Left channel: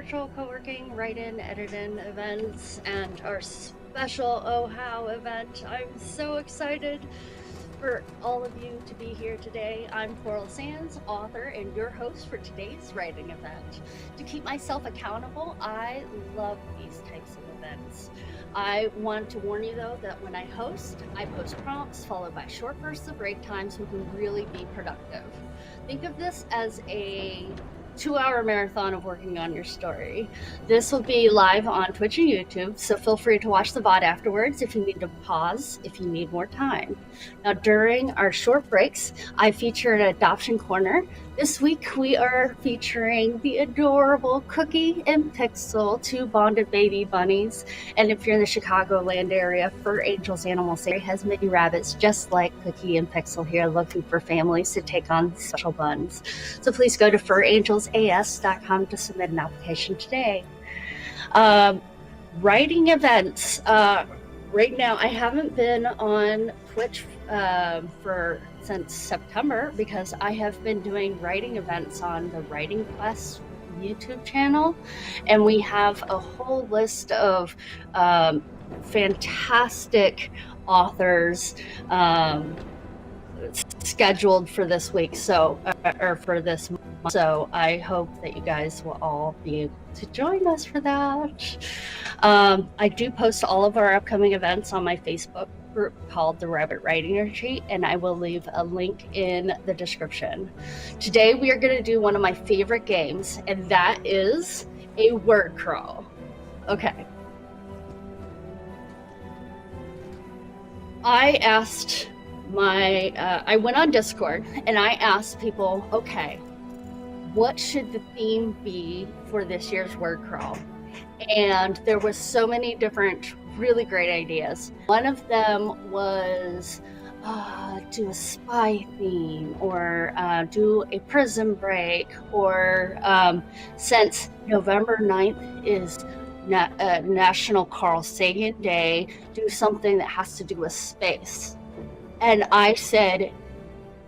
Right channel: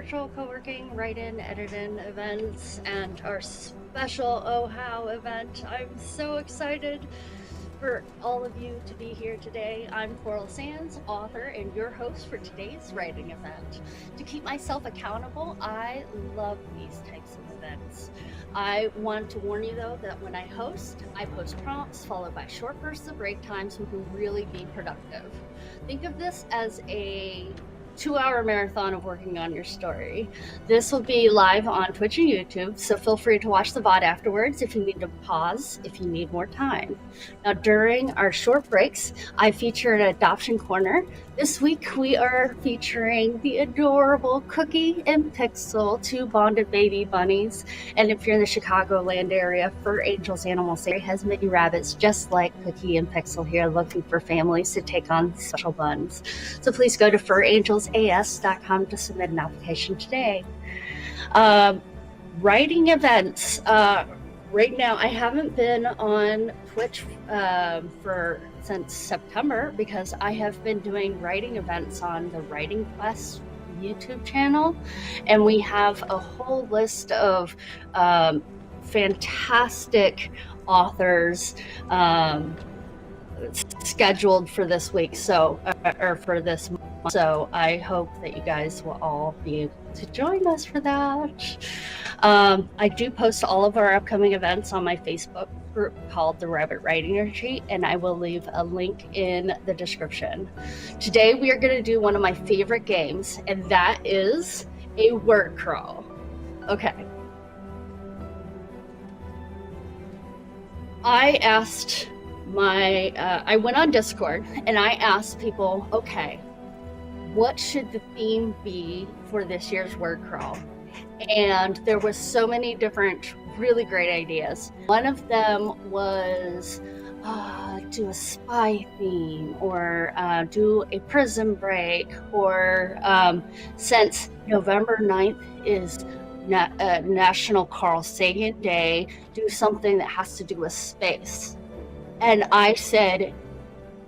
virtual co-working, write-in, edit-in events, and our special OHHOW event. I'm so excited for all of you to be here today. I'm Coral Sands, author and your host for today's writing event. To keep myself accountable, I love these types of events. I want to warn you though that when I host, I post prompts followed by short bursts of break time so we can really be productive. Think of this as a 2-hour marathon of working on your story. This will be live on Twitch and YouTube, so feel free to watch the VOD afterwards if you need to pause, if you need more time. Now, during our short breaks, I feature an adoption corner. This week, we are featuring the adorable Cookie and Pixel, 2 bonded baby bunnies. And if you're in the Chicagoland area, Fur Angels Animal Sanctuary has mini rabbits just like Cookie and Pixel here, looking for families to take on special buns. So please go to furangelsas.com to submit an application today. Writing events. Right now, I haven't been on Twitch since September because I have been doing writing events on the Writing Quest YouTube channel, and we have a whole list of fantastic authors scheduled for this week, or for this month. So I hope that you guys will all be able to join us for that. I do post all of our upcoming events on my Facebook group called the Rabbit Writing Retreat, and I will leave a link in the description. Today we are going to do one of my favorite games, and that is a word crawl. Okay. I went on Discord and I asked people, okay, what should the theme be for this year's word crawl? And there was so many different really great ideas. One of them was do a spy theme, or do a prison break, or since November 9th is National Carl Sagan Day, do something that has to do with space. And I said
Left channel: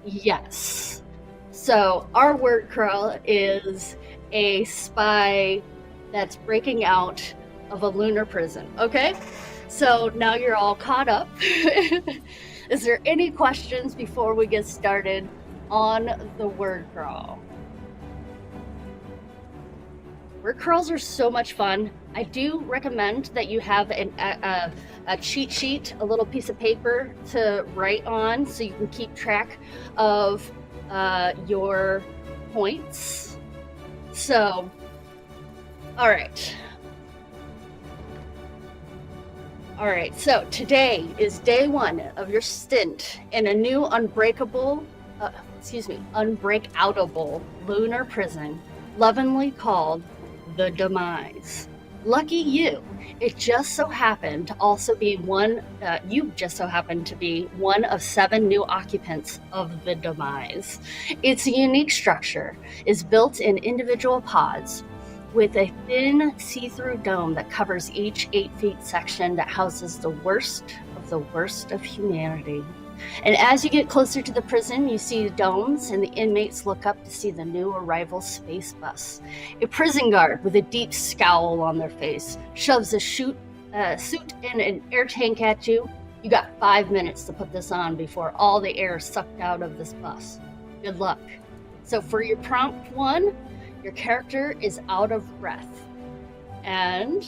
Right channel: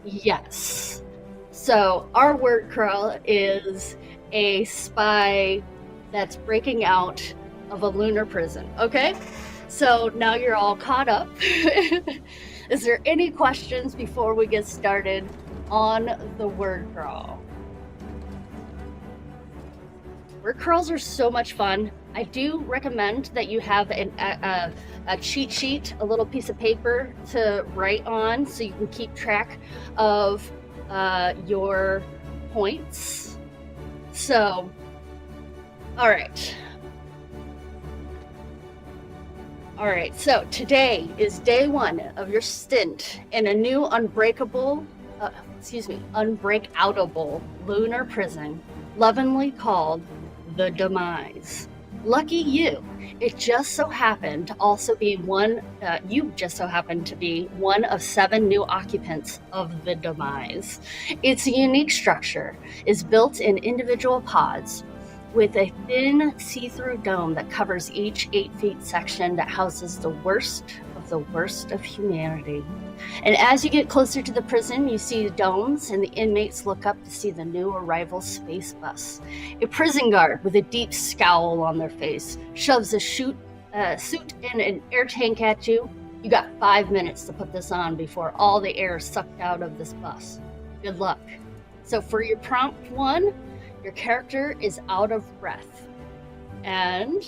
yes. So our word crawl is a spy that's breaking out of a lunar prison. Okay, so now you're all caught up. Is there any questions before we get started on the word crawl? Word crawls are so much fun. I do recommend that you have a cheat sheet, a little piece of paper to write on so you can keep track of your points. So, all right. All right, so today is day 1 of your stint in a new unbreakoutable lunar prison, lovingly called the Demise. Lucky you, it just so happened to also be you just so happened to be one of 7 new occupants of the Demise. Its unique structure is built in individual pods with a thin see-through dome that covers each 8-feet section that houses the worst of humanity. And as you get closer to the prison, you see the domes, and the inmates look up to see the new arrival space bus. A prison guard with a deep scowl on their face shoves a suit and an air tank at you. You got 5 minutes to put this on before all the air is sucked out of this bus. Good luck. So for your prompt 1, your character is out of breath. And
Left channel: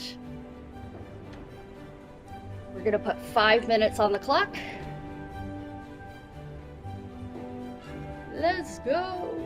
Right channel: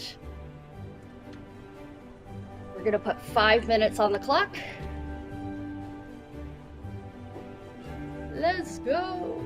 we're going to put 5 minutes on the clock. Let's go.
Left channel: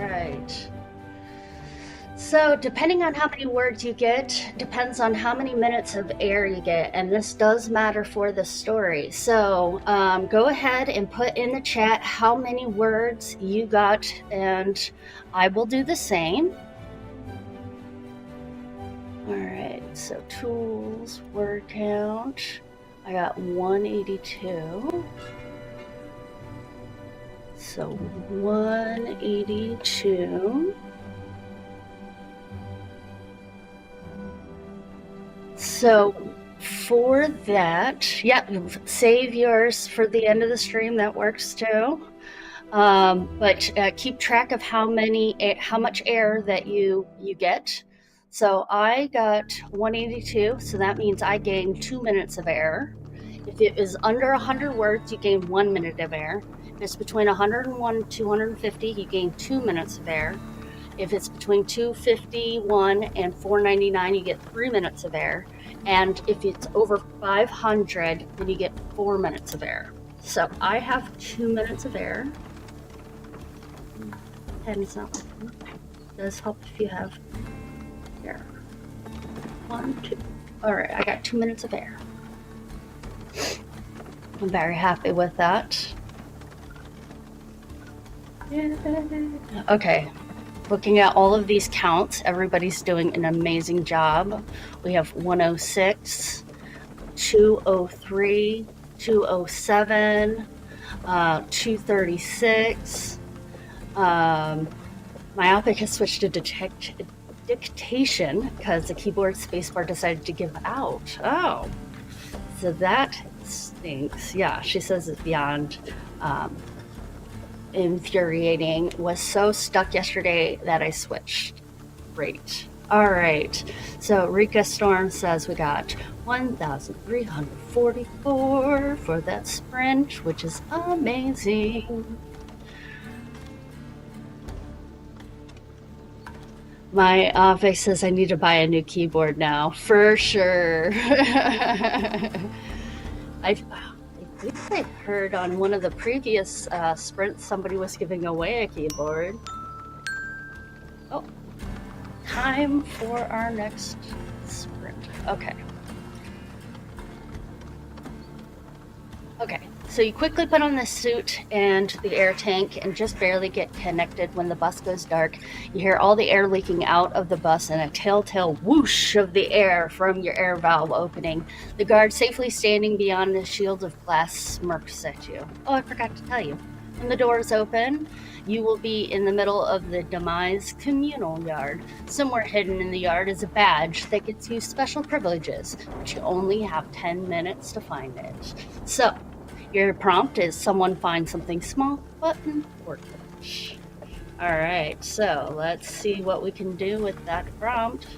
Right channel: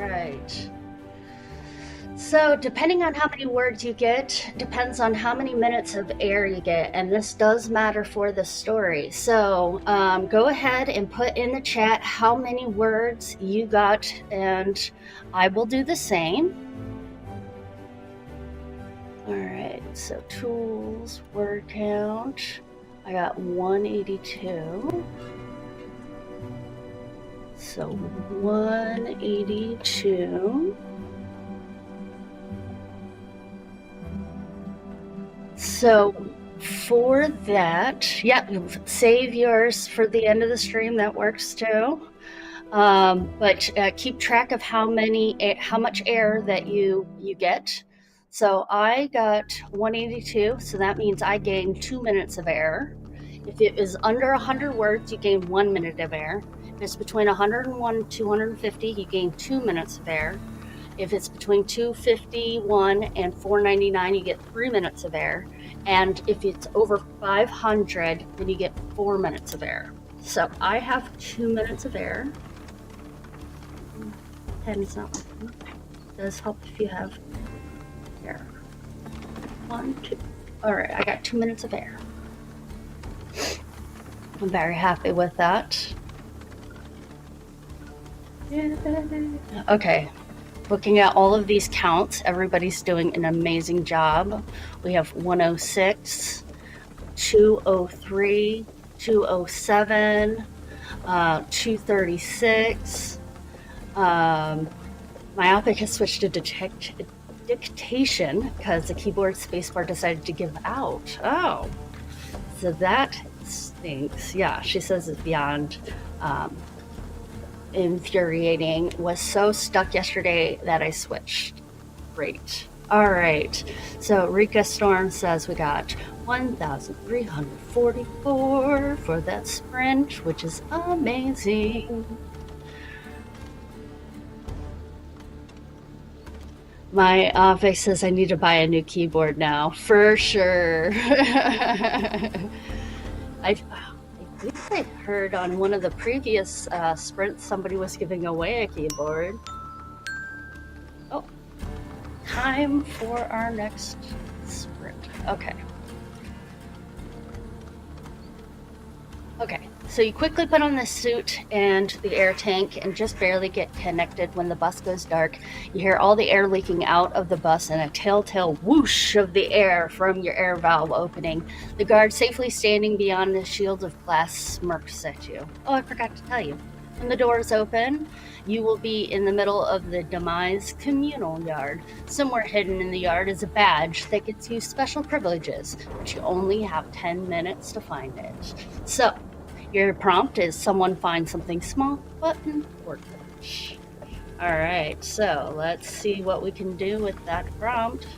right. So, depending on how many words you get, depends on how many minutes of air you get, and this does matter for the story. So, go ahead and put in the chat how many words you got, and I will do the same. All right, so tools, word count. I got 182. So 182. So for that, yeah, save yours for the end of the stream. That works too. But keep track of how much air that you get. So I got 182, so that means I gained 2 minutes of air. If it is under 100 words, you gain 1 minute of air. If it's between 101 and 250, you gain 2 minutes of air. If it's between 251 and 499, you get 3 minutes of air. And if it's over 500, then you get 4 minutes of air. So I have 2 minutes of air. Pen's not working. It does help if you have air. 1, 2. All right, I got 2 minutes of air. I'm very happy with that. Okay, looking at all of these counts, everybody's doing an amazing job. We have 106, 203, 207, 236. Myopic has switched to dictation because the keyboard spacebar decided to give out. Oh, so that stinks. Yeah, she says it's beyond infuriating. Was so stuck yesterday that I switched. Great. All right. So Rika Storm says we got 1,344 for that sprint, which is amazing. My office says I need to buy a new keyboard now, for sure. I think I heard on one of the previous sprints somebody was giving away a keyboard. Oh, time for our next sprint. Okay. Okay, so you quickly put on the suit and the air tank and just barely get connected when the bus goes dark. You hear all the air leaking out of the bus and a telltale whoosh of the air from your air valve opening. The guard safely standing beyond the shield of glass smirks at you. Oh, I forgot to tell you. When the doors open, you will be in the middle of the demise communal yard. Somewhere hidden in the yard is a badge that gets you special privileges, but you only have 10 minutes to find it. So, your prompt is someone find something small but important. All right, so let's see what we can do with that prompt.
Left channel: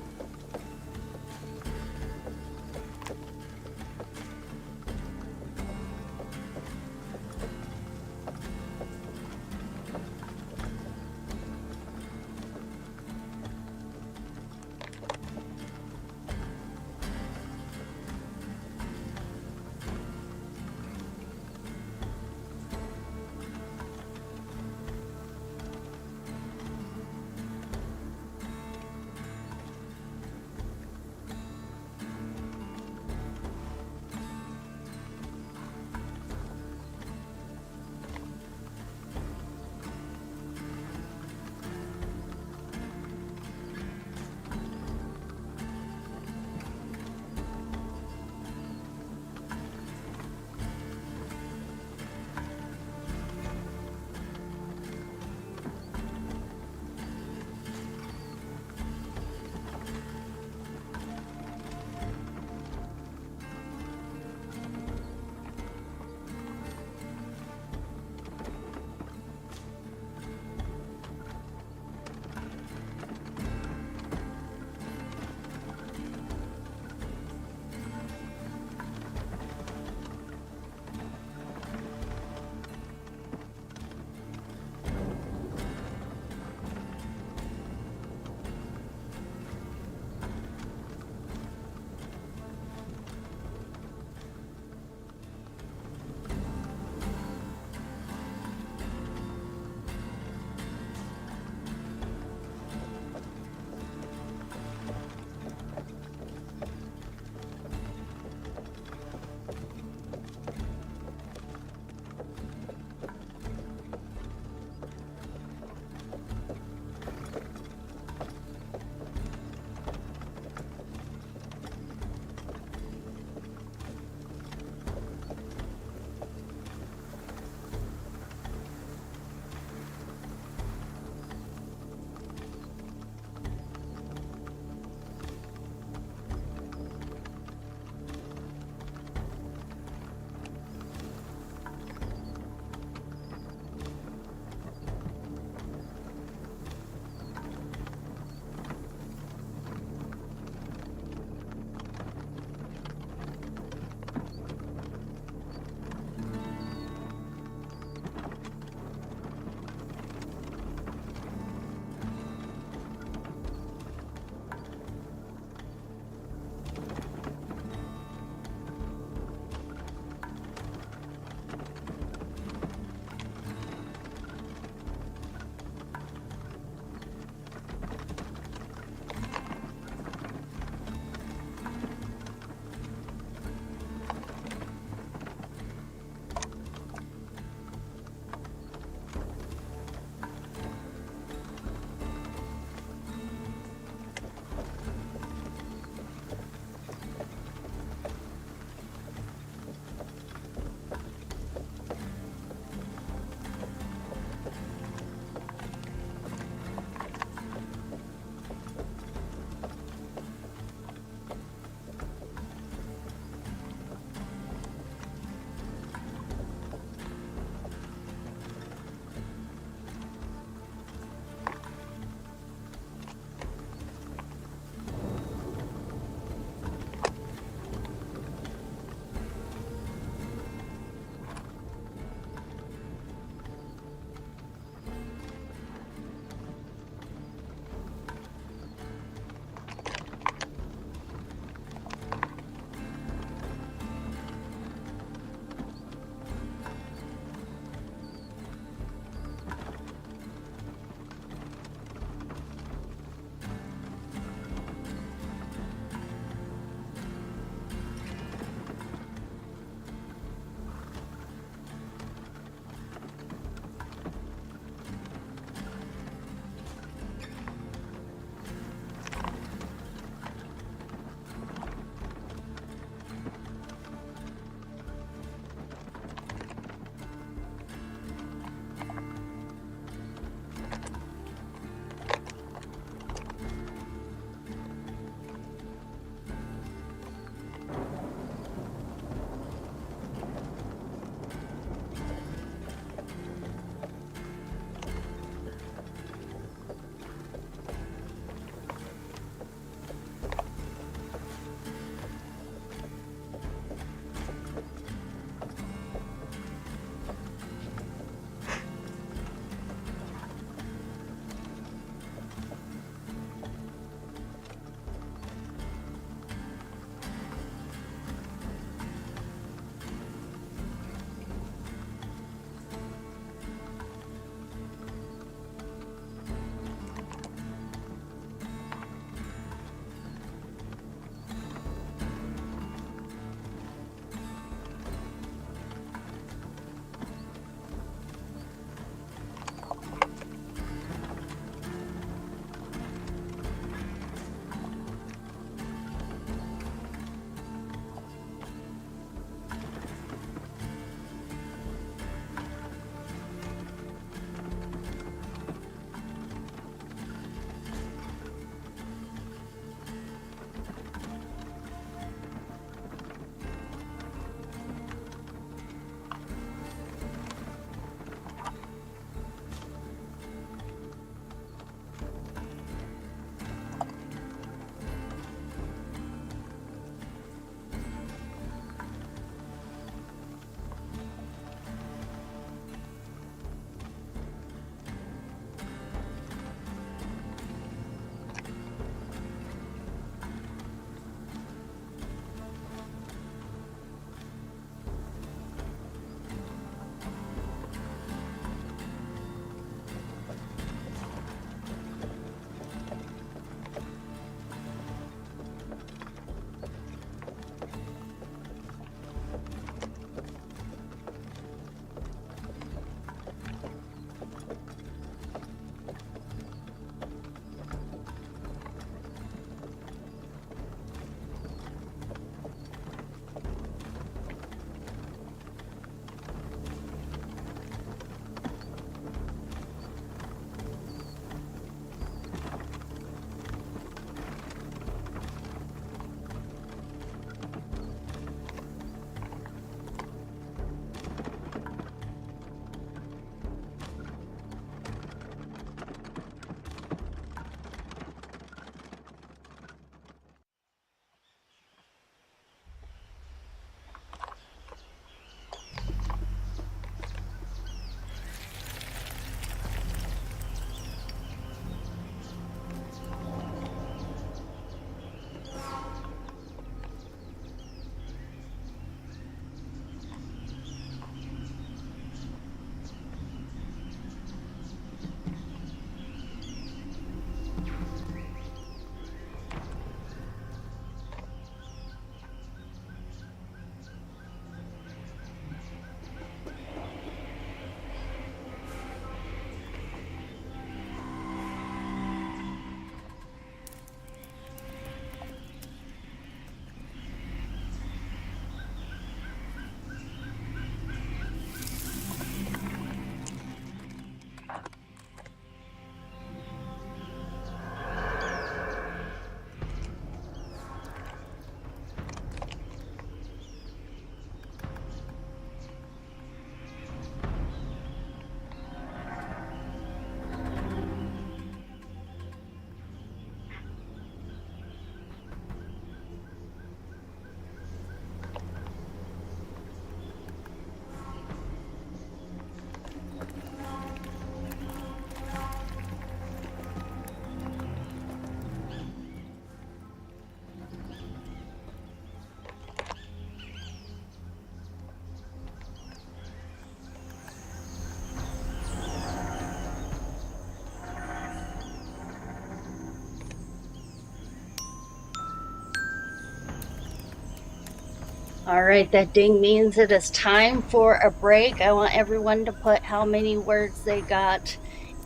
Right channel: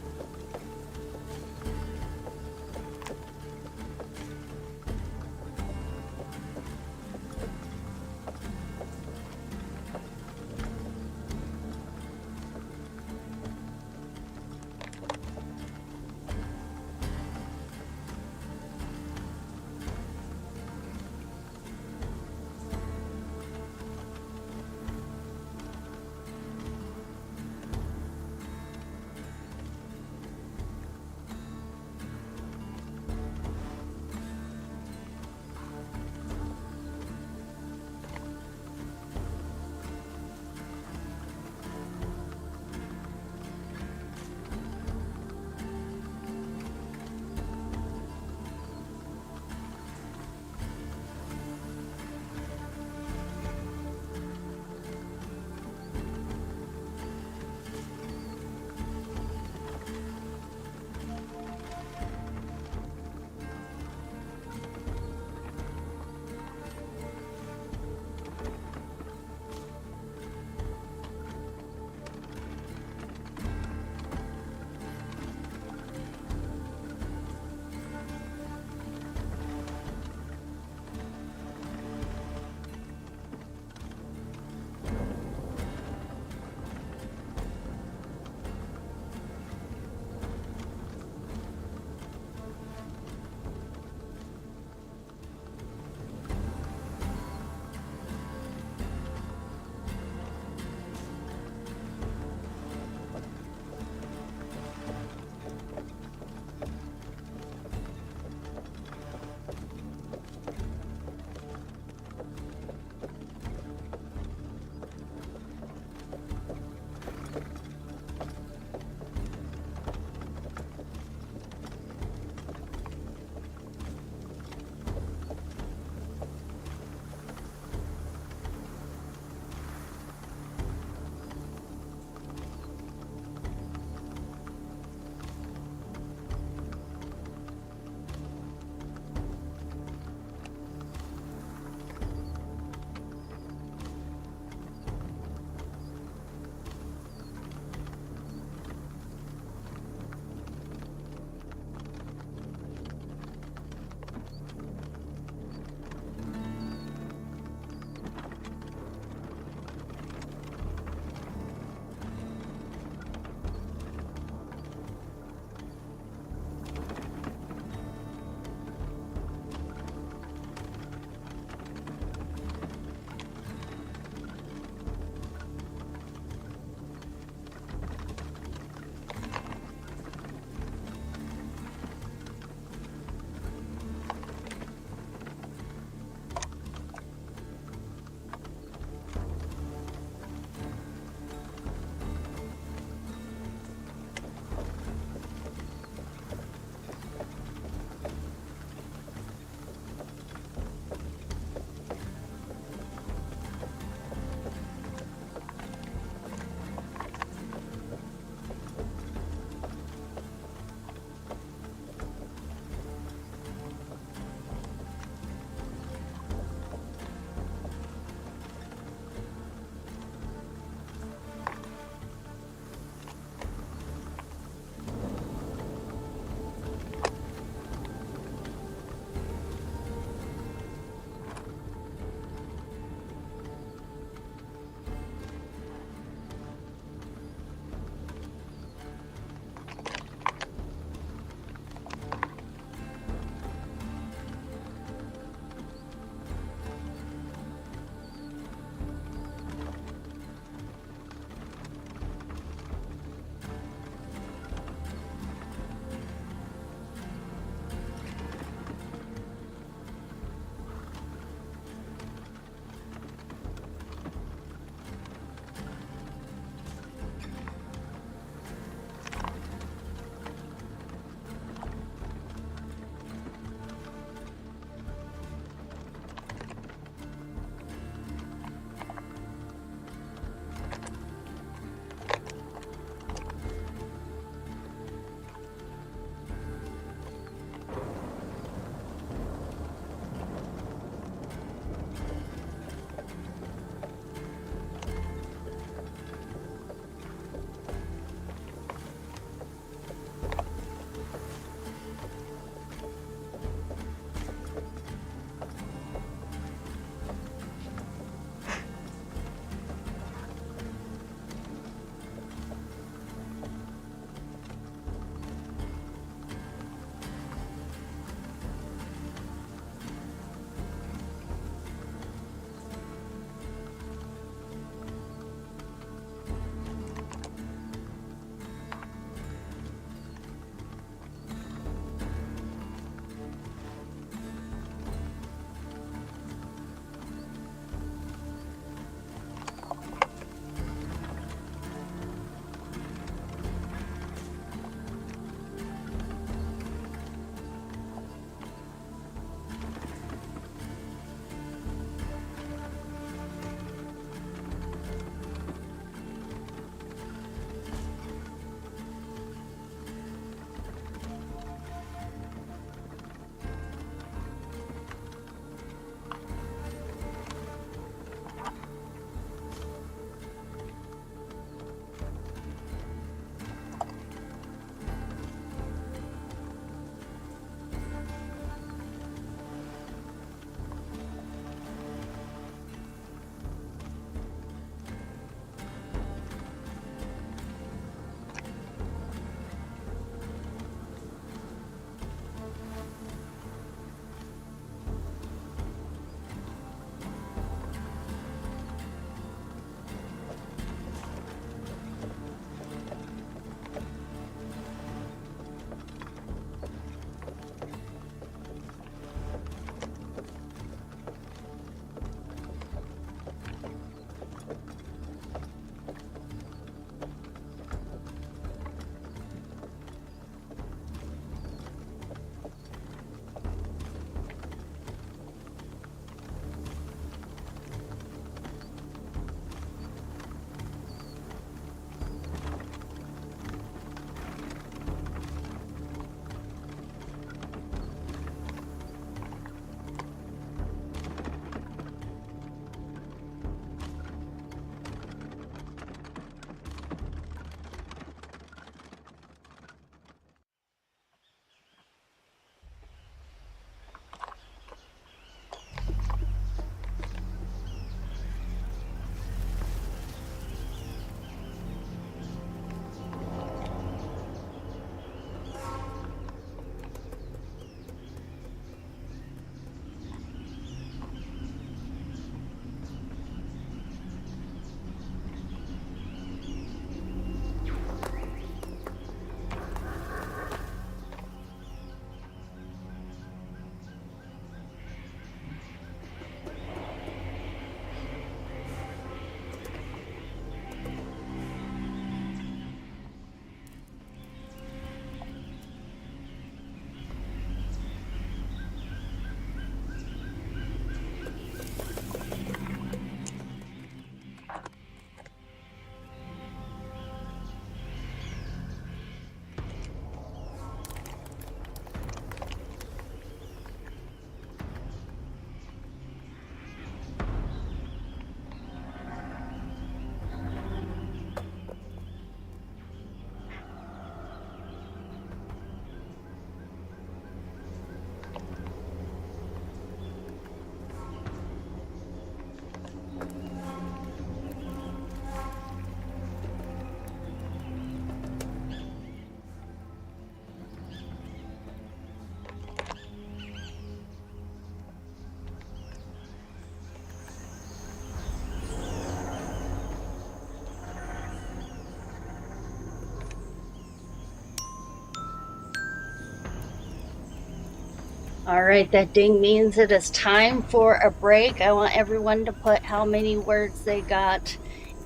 All right, that ding means it is time for a break. I want everyone to put how many words they got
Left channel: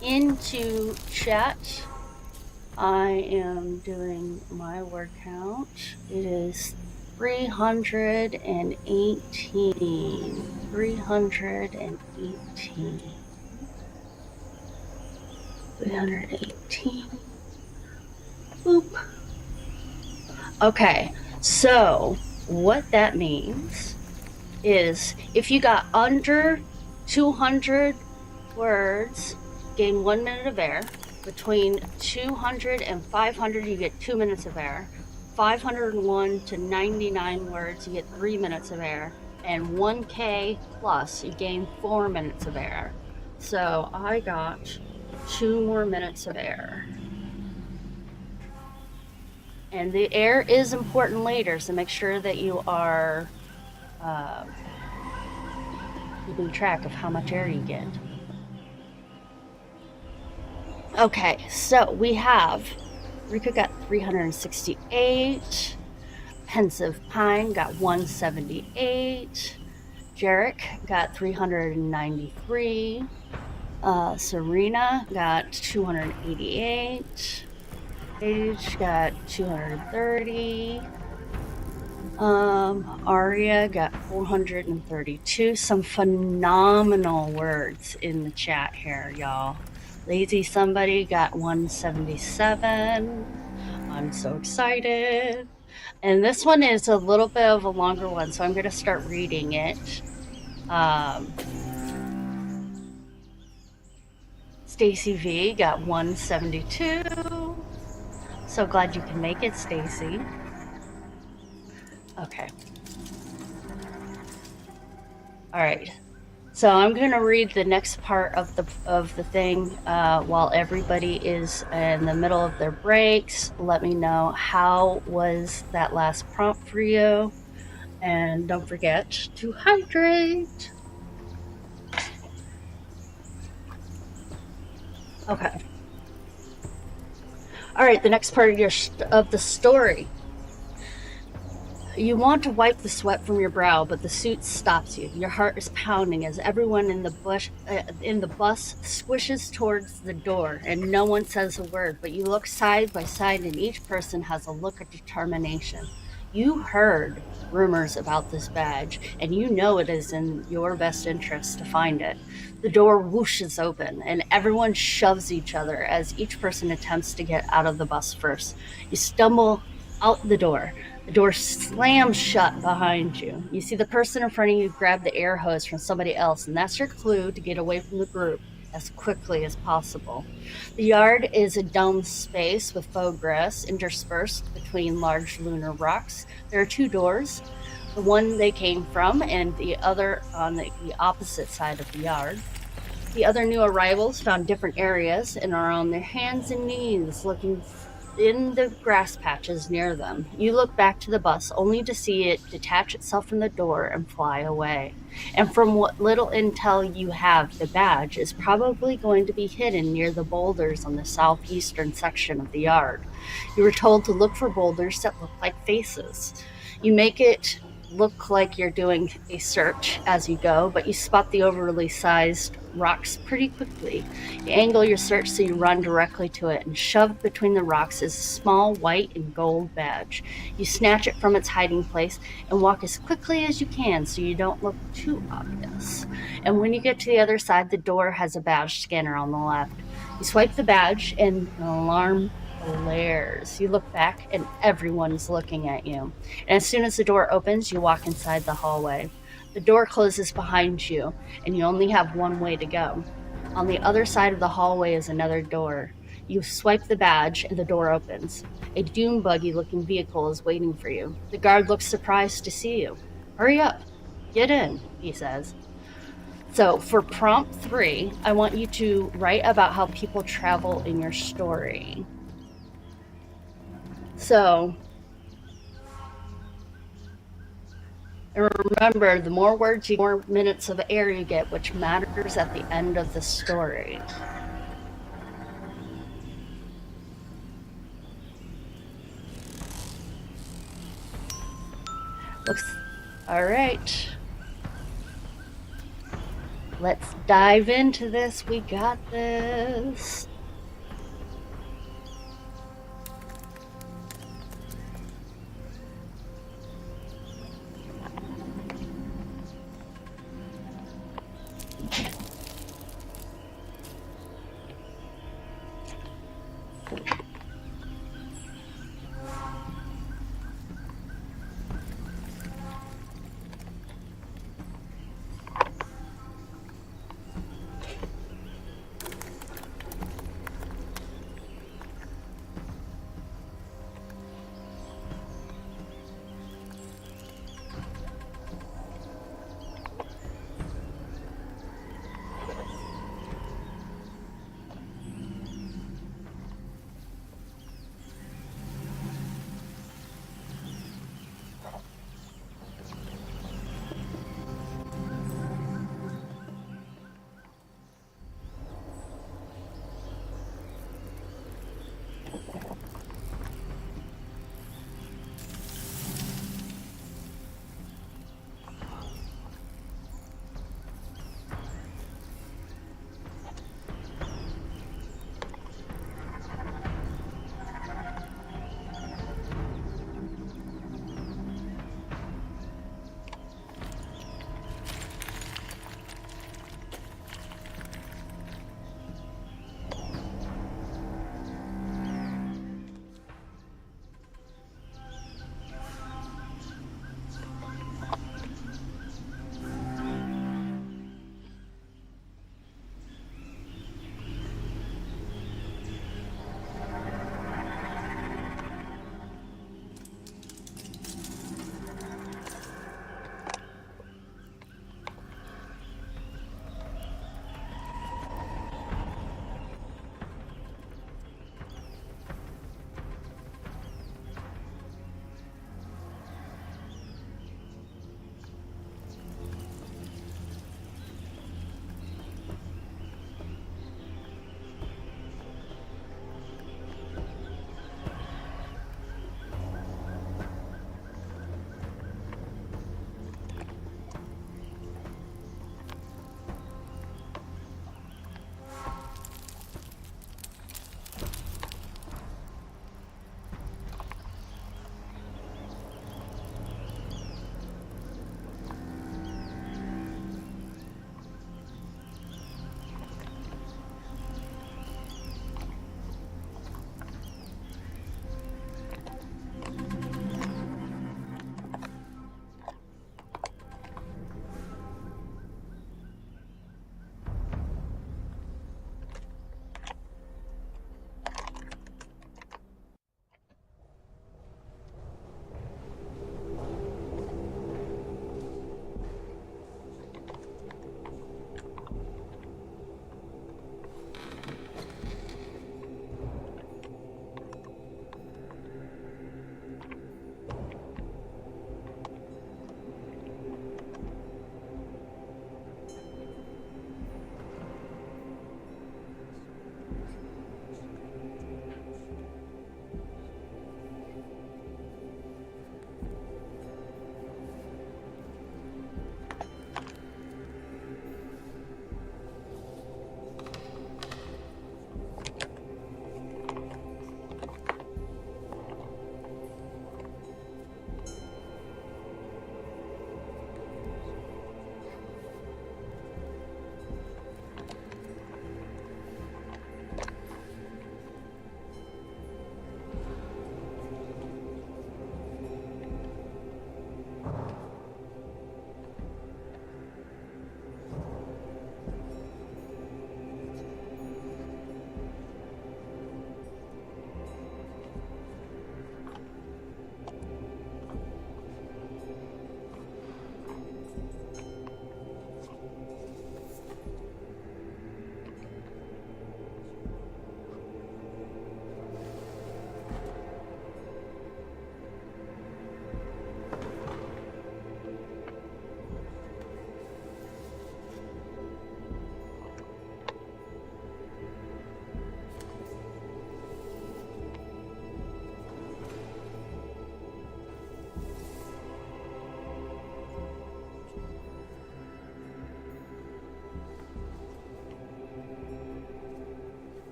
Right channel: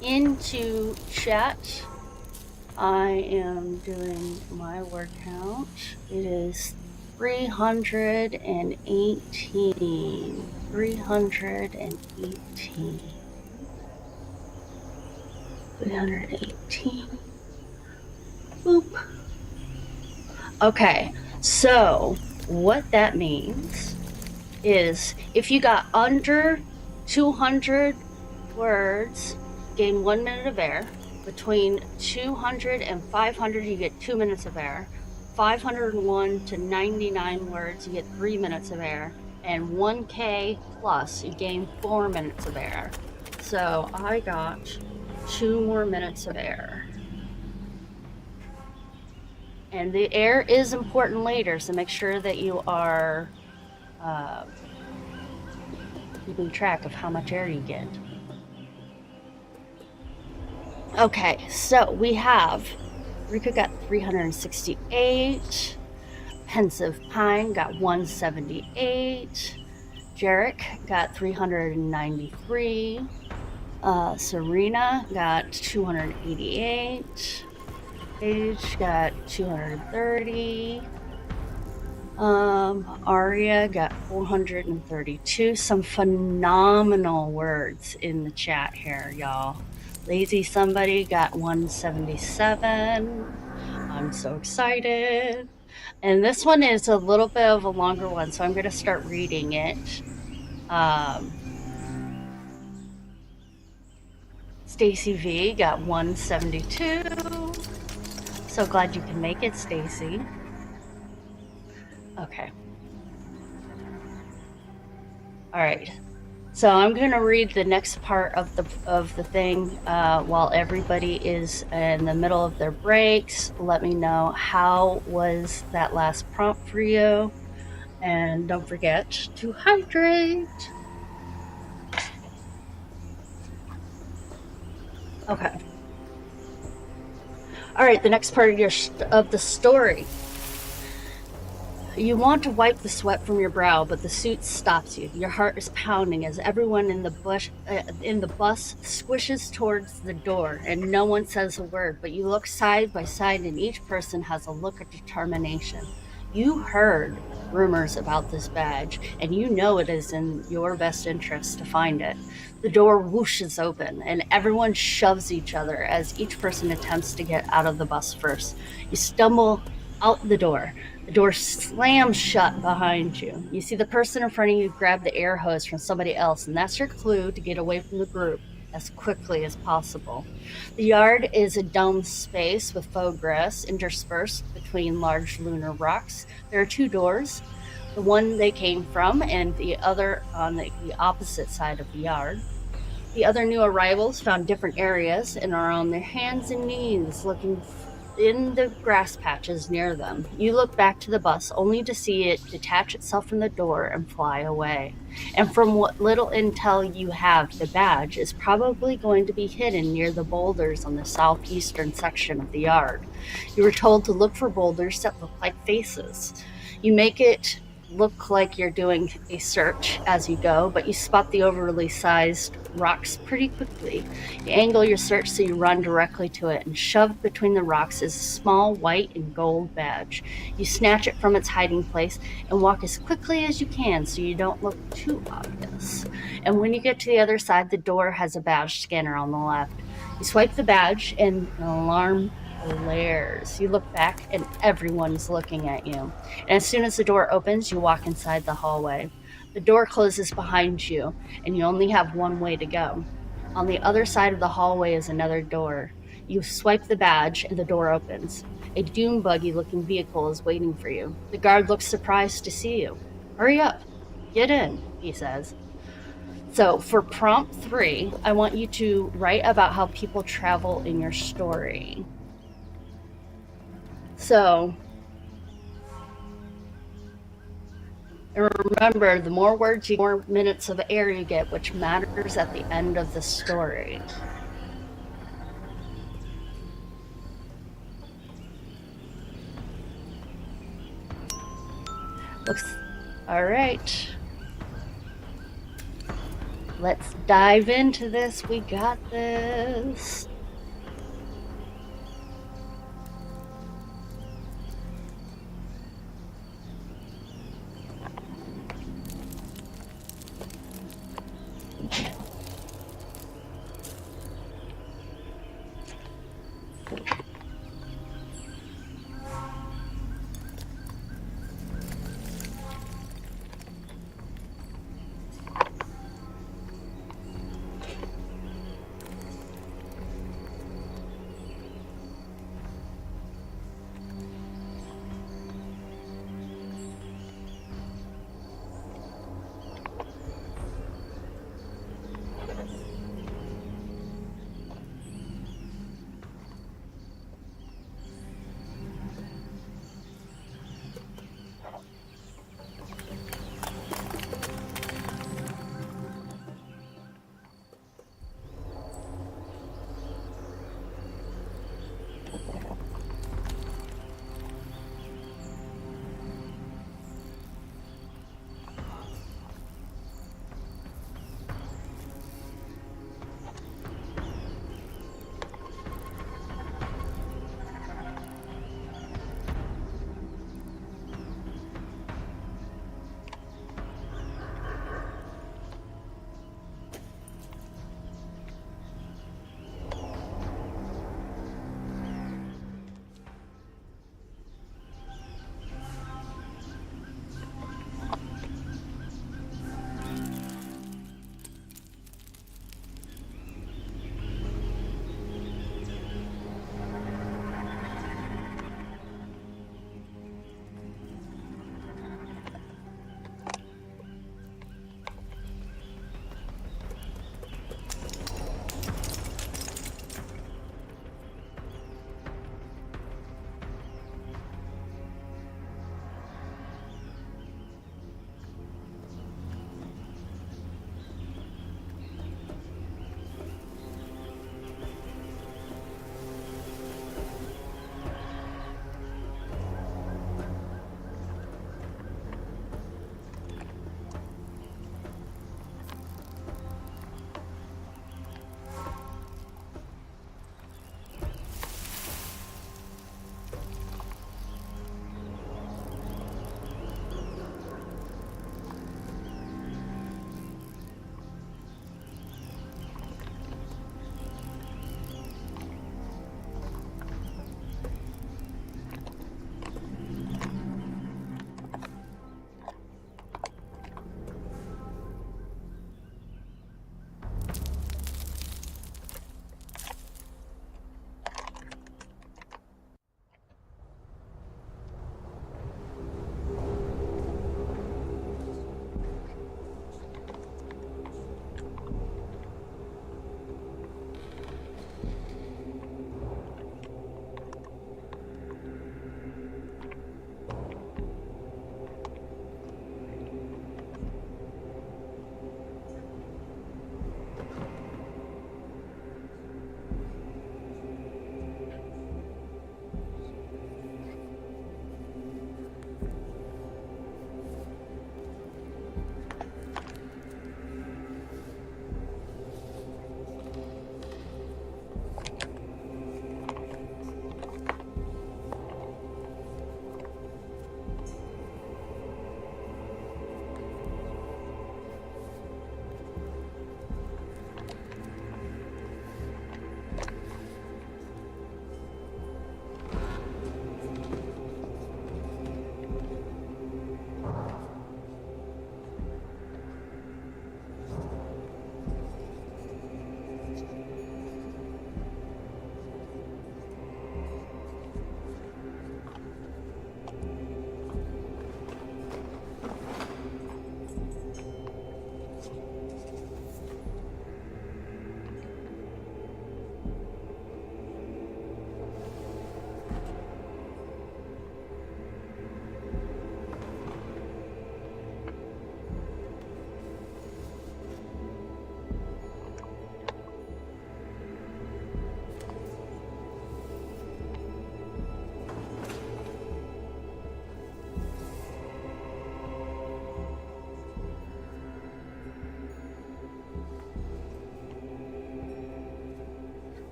into chat. I am doing my word count. It is 318. 318. 318. Boop. Okay, so what that means is if you got under 200 words, gain 1 minute of air. Between 200 and 500, you get 2 minutes of air. 501 to 99 words, you get 3 minutes of air. And 1K plus, you gain 4 minutes of air. So I got 2 more minutes of air. And the air is important later, so make sure that you are keeping track of how much air you get. Okay, so we have Rika got 368, Pensive Pine got 178, Jarek got 393, Serena got 288, Paige got 230, Aria got 432. Some phenomenal words in the chat here, y'all. Lazy Somebody got 177. I'm so excited. And this one is a little bit of a longer one, so I'm going to start reading it. Stacy V got 172. So glad you can make it, Stacy. Okay. All right. So I'm going to read the next part of the thing while everybody is in the middle of their breaks. Let me know how was that last prompt for you, and don't forget to hydrate. Okay. All right. The next part of the story. You want to wipe the sweat from your brow, but the suit stops you. Your heart is pounding as everyone in the bus squishes towards the door, and no one says a word. But you look side by side, and each person has a look of determination. You heard rumors about this badge, and you know it is in your best interest to find it. The door whooshes open, and everyone shoves each other as each person attempts to get out of the bus first. You stumble out the door. The door slams shut behind you. You see the person in front of you grab the air hose from somebody else, and that's your clue to get away from the group as quickly as possible. The yard is a domed space with faux grass interspersed between large lunar rocks. There are 2 doors, the one they came from and the other on the opposite side of the yard. The other new arrivals found different areas and are on their hands and knees looking in the grass patches near them. You look back to the bus only to see it detach itself from the door and fly away. And from what little intel you have, the badge is probably going to be hidden near the boulders on the southeastern section of the yard. You were told to look for boulders that look like faces. You make it look like you're doing a search as you go, but you spot the overly sized rocks pretty quickly. You angle your search so you run directly to it, and shoved between the rocks is a small white and gold badge. You snatch it from its hiding place and walk as quickly as you can so you don't look too obvious. And when you get to the other side, the door has a badge scanner on the left. You swipe the badge and an alarm blares. You look back and everyone's looking at you. And as soon as the door opens, you walk inside the hallway. The door closes behind you, and you only have one way to go. On the other side of the hallway is another door. You swipe the badge, and the door opens. A dune buggy-looking vehicle is waiting for you. The guard looks surprised to see you. "Hurry up. Get in," he says. So for prompt 3, I want you to write about how people travel in your story. So, and remember, the more words, the more minutes of air you get, which matters at the end of the story. All right. Let's dive into this. We got this.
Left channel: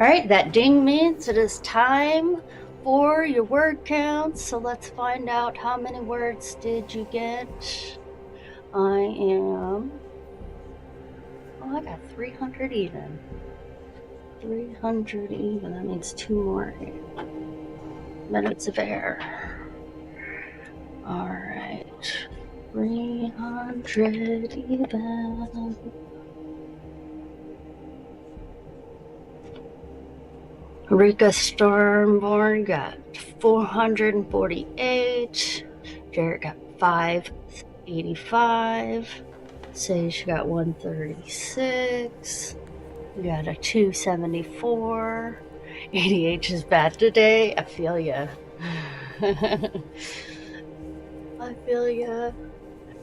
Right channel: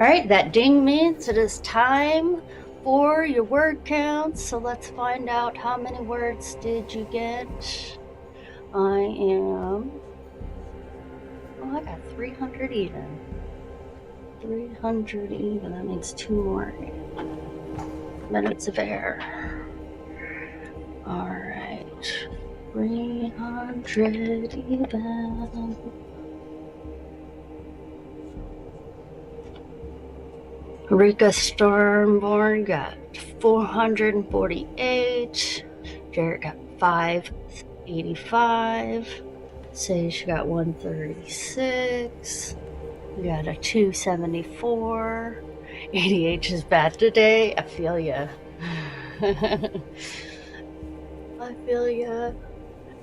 All right, that ding means it is time for your word count. So let's find out how many words did you get. I got 300 even. 300 even, that means 2 more minutes of air. All right, 300 even. Rika Stormborn got 448. Jared got 585. Sage got 136. We got a 274. ADH is bad today. I feel ya. I feel ya.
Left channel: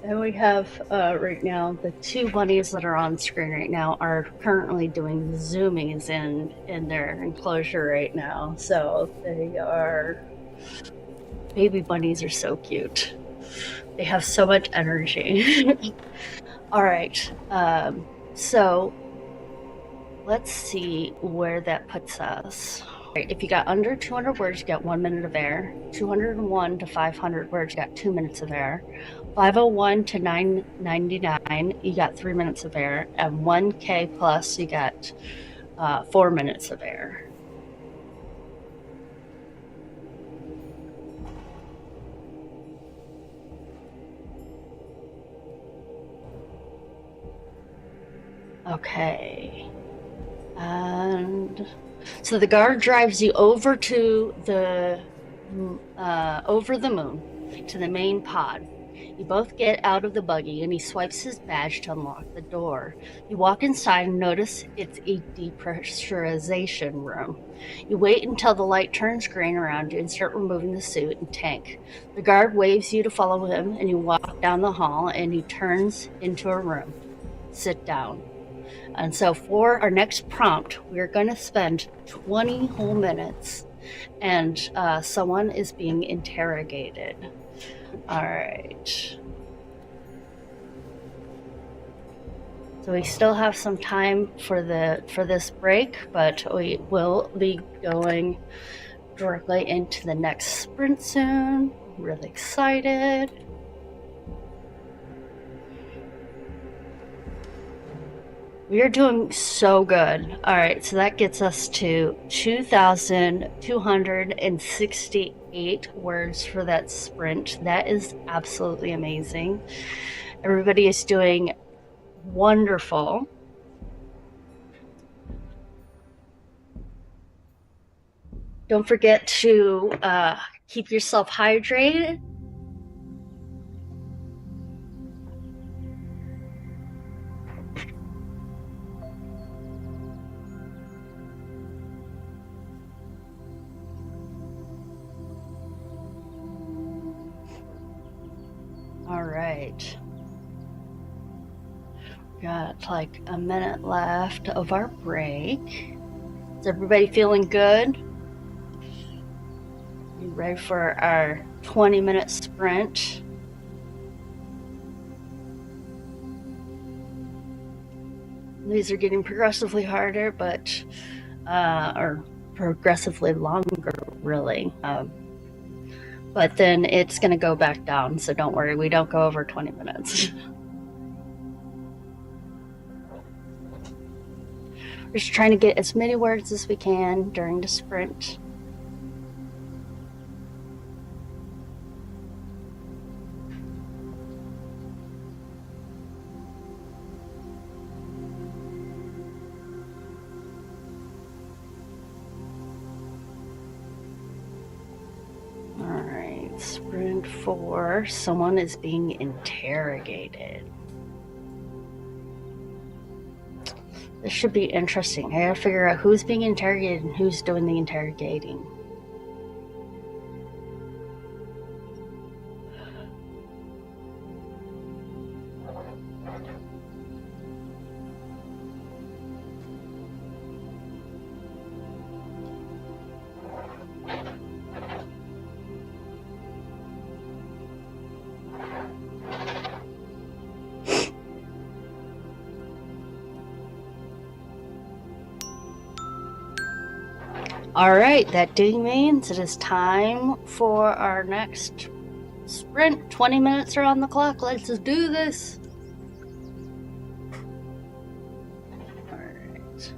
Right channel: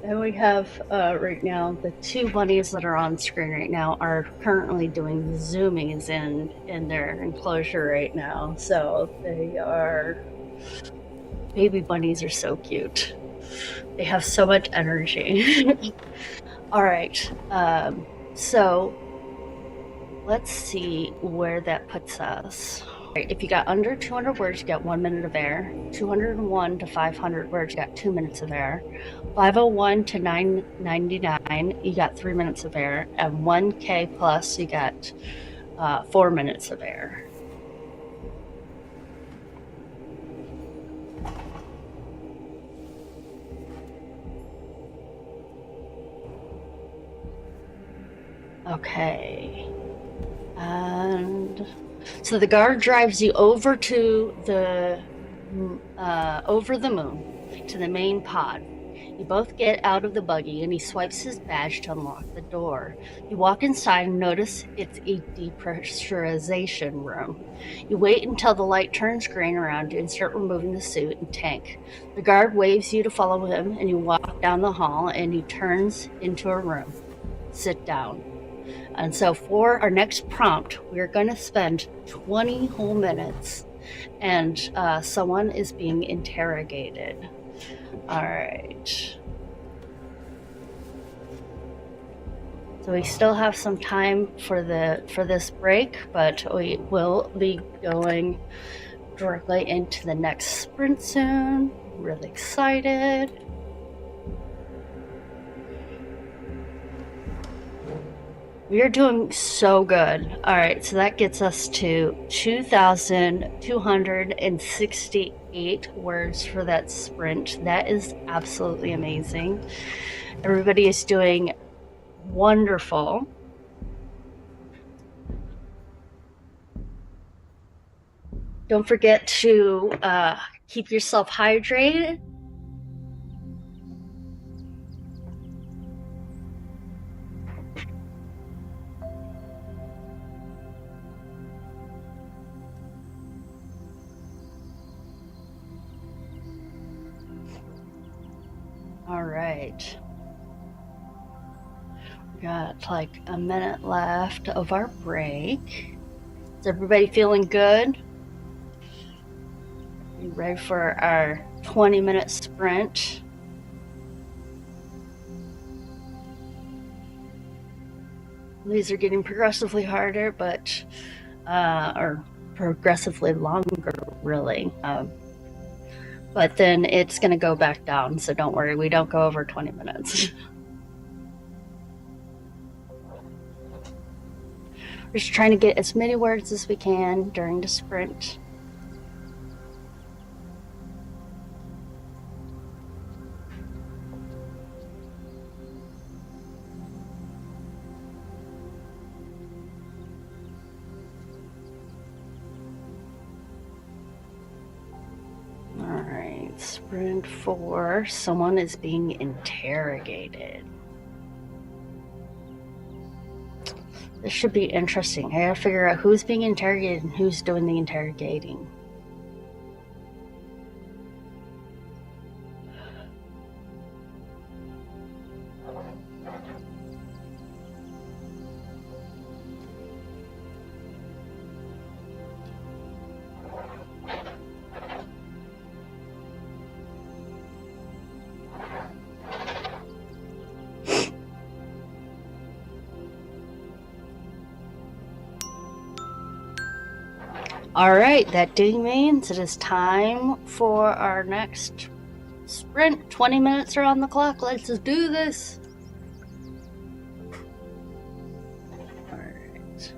And we have right now the 2 bunnies that are on screen right now are currently doing zoomies in their enclosure right now. So they are, baby bunnies are so cute. They have so much energy. All right, so let's see where that puts us. Right, if you got under 200 words, you got 1 minute of air. 201 to 500 words, you got 2 minutes of air. 501 to 999, you got 3 minutes of air. And 1K plus, you got 4 minutes of air. Okay. And so the guard drives you over to the moon to the main pod. You both get out of the buggy and he swipes his badge to unlock the door. You walk inside and notice it's a depressurization room. You wait until the light turns green around you and start removing the suit and tank. The guard waves you to follow him and you walk down the hall and he turns into a room. Sit down. And so for our next prompt, we're going to spend 20 whole minutes and someone is being interrogated. All right. So we still have some time for this break, but we will be going directly into the next sprint soon. Really excited. We are doing so good. All right, so that gets us to 2,268 words for that sprint. That is absolutely amazing. Everybody is doing wonderful. Don't forget to keep yourself hydrated. All right. We got like a minute left of our break. Is everybody feeling good? You ready for our 20-minute sprint? These are getting progressively harder, but or progressively longer, really. But then it's going to go back down, so don't worry, we don't go over 20 minutes. We're just trying to get as many words as we can during the sprint. All right, sprint 4, someone is being interrogated. This should be interesting. I gotta figure out who's being interrogated and who's doing the interrogating. Alright, that means it is time for our next sprint. 20 minutes are on the clock. Let's just do this. Alright.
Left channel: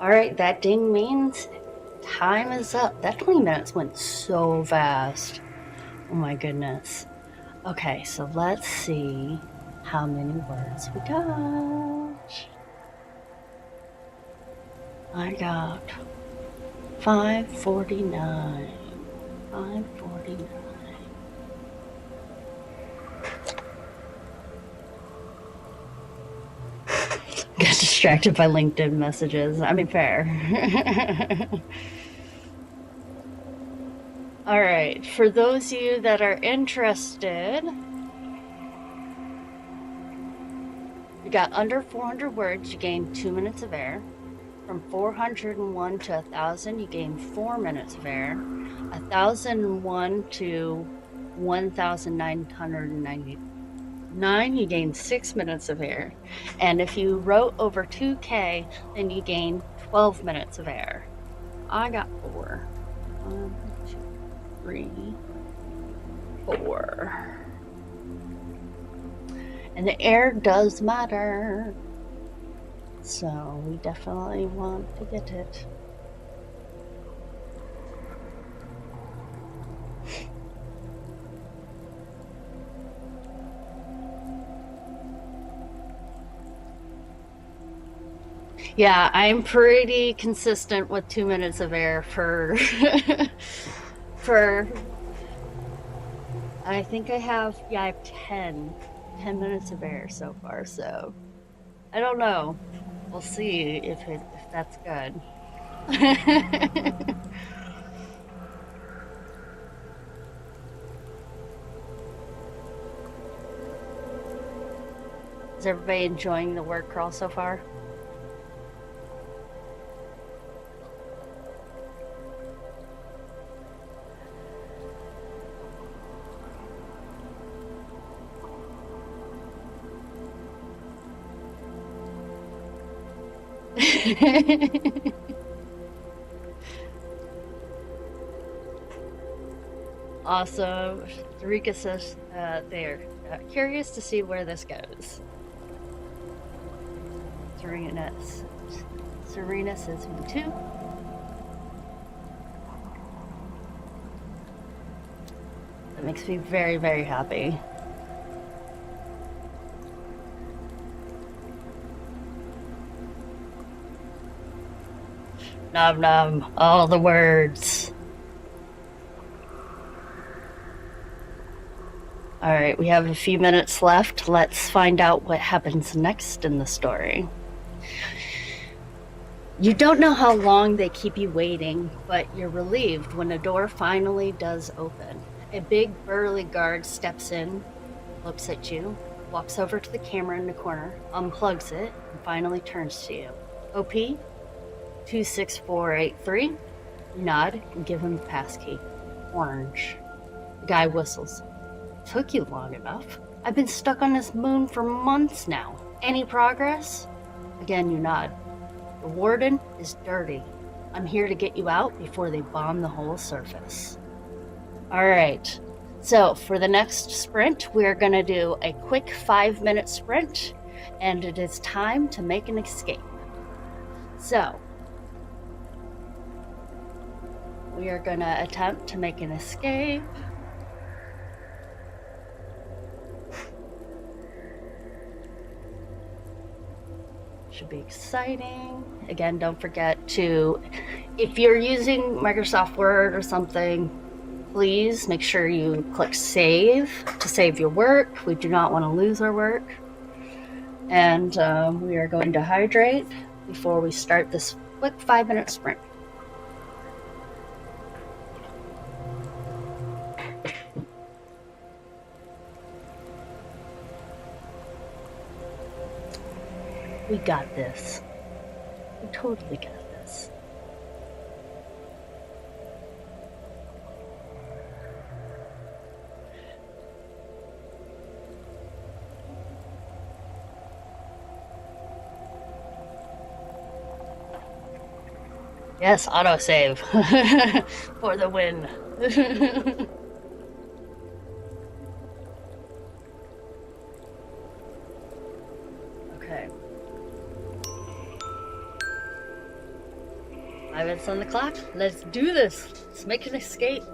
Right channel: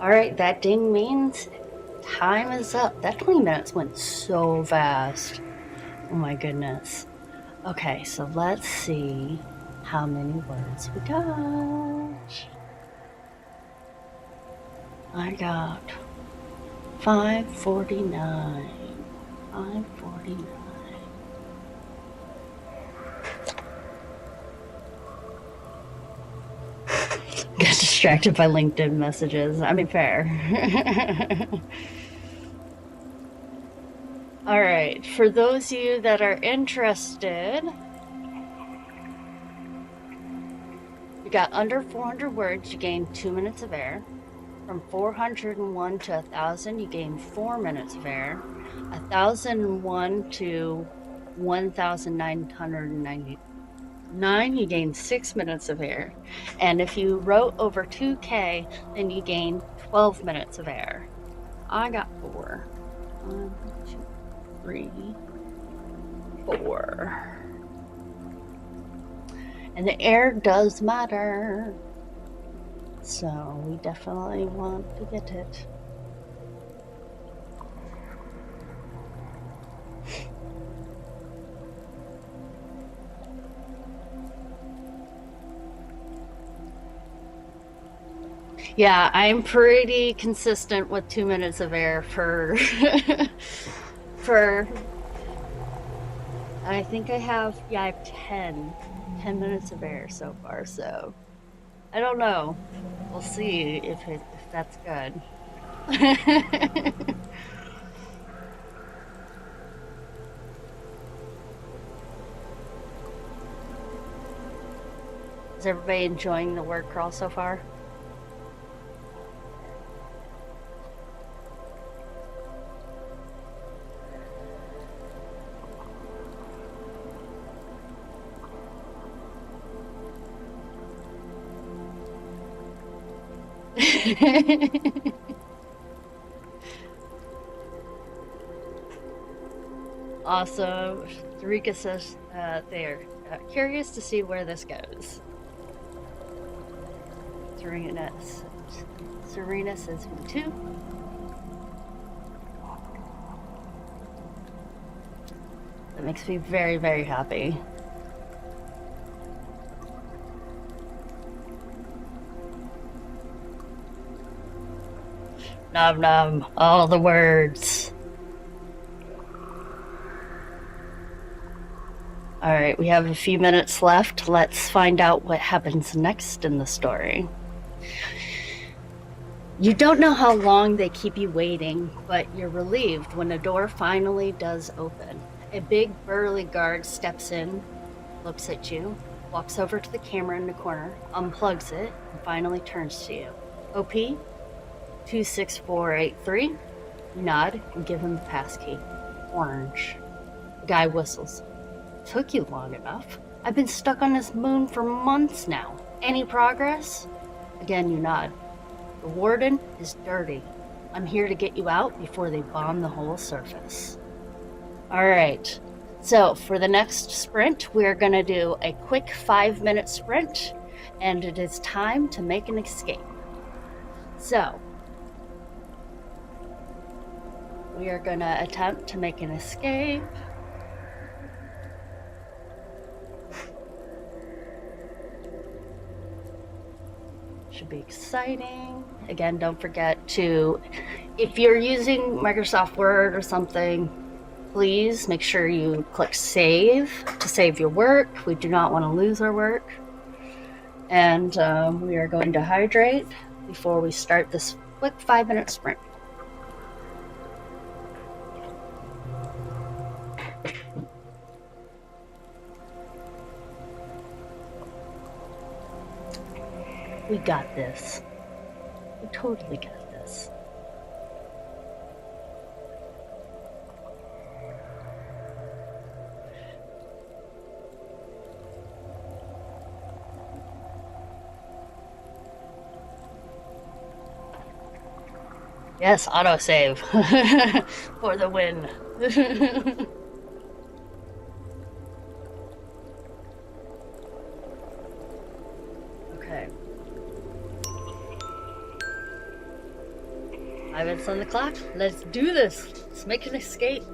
Alright, that ding means time is up. That 20 minutes went so fast. Oh my goodness. Okay, so let's see how many words we got. I got 549. 549. Got distracted by LinkedIn messages. I mean, fair. All right, for those of you that are interested, you got under 400 words, you gain 2 minutes of air. From 401 to 1,000, you gain 4 minutes of air. 1,001 to 1,999, you gain 6 minutes of air. And if you wrote over 2K, then you gain 12 minutes of air. I got 4. 1, 2, 3, 4. And the air does matter. So we definitely want to get it. Yeah, I'm pretty consistent with 2 minutes of air for for I think I have 10 minutes of air so far, so I don't know. We'll see if that's good. Is everybody enjoying the word crawl so far? Awesome. Tarika says they're curious to see where this goes. Serena says me too. That makes me very, very happy. Nom nom, all the words. All right, we have a few minutes left. Let's find out what happens next in the story. You don't know how long they keep you waiting, but you're relieved when the door finally does open. A big burly guard steps in, looks at you, walks over to the camera in the corner, unplugs it, and finally turns to you. OP 26483. You nod and give him the passkey. Orange. The guy whistles. Took you long enough. I've been stuck on this moon for months now. Any progress? Again, you nod. The warden is dirty. I'm here to get you out before they bomb the whole surface. All right. So for the next sprint, we're going to do a quick 5-minute sprint, and it is time to make an escape. So we are going to attempt to make an escape. Should be exciting. Again, don't forget to, if you're using Microsoft Word or something, please make sure you click save to save your work. We do not want to lose our work. And we are going to hydrate before we start this quick 5-minute sprint. We got this. We totally got this. Yes, autosave for the win. Okay. 5 minutes on the clock. Let's do this. Let's make an escape.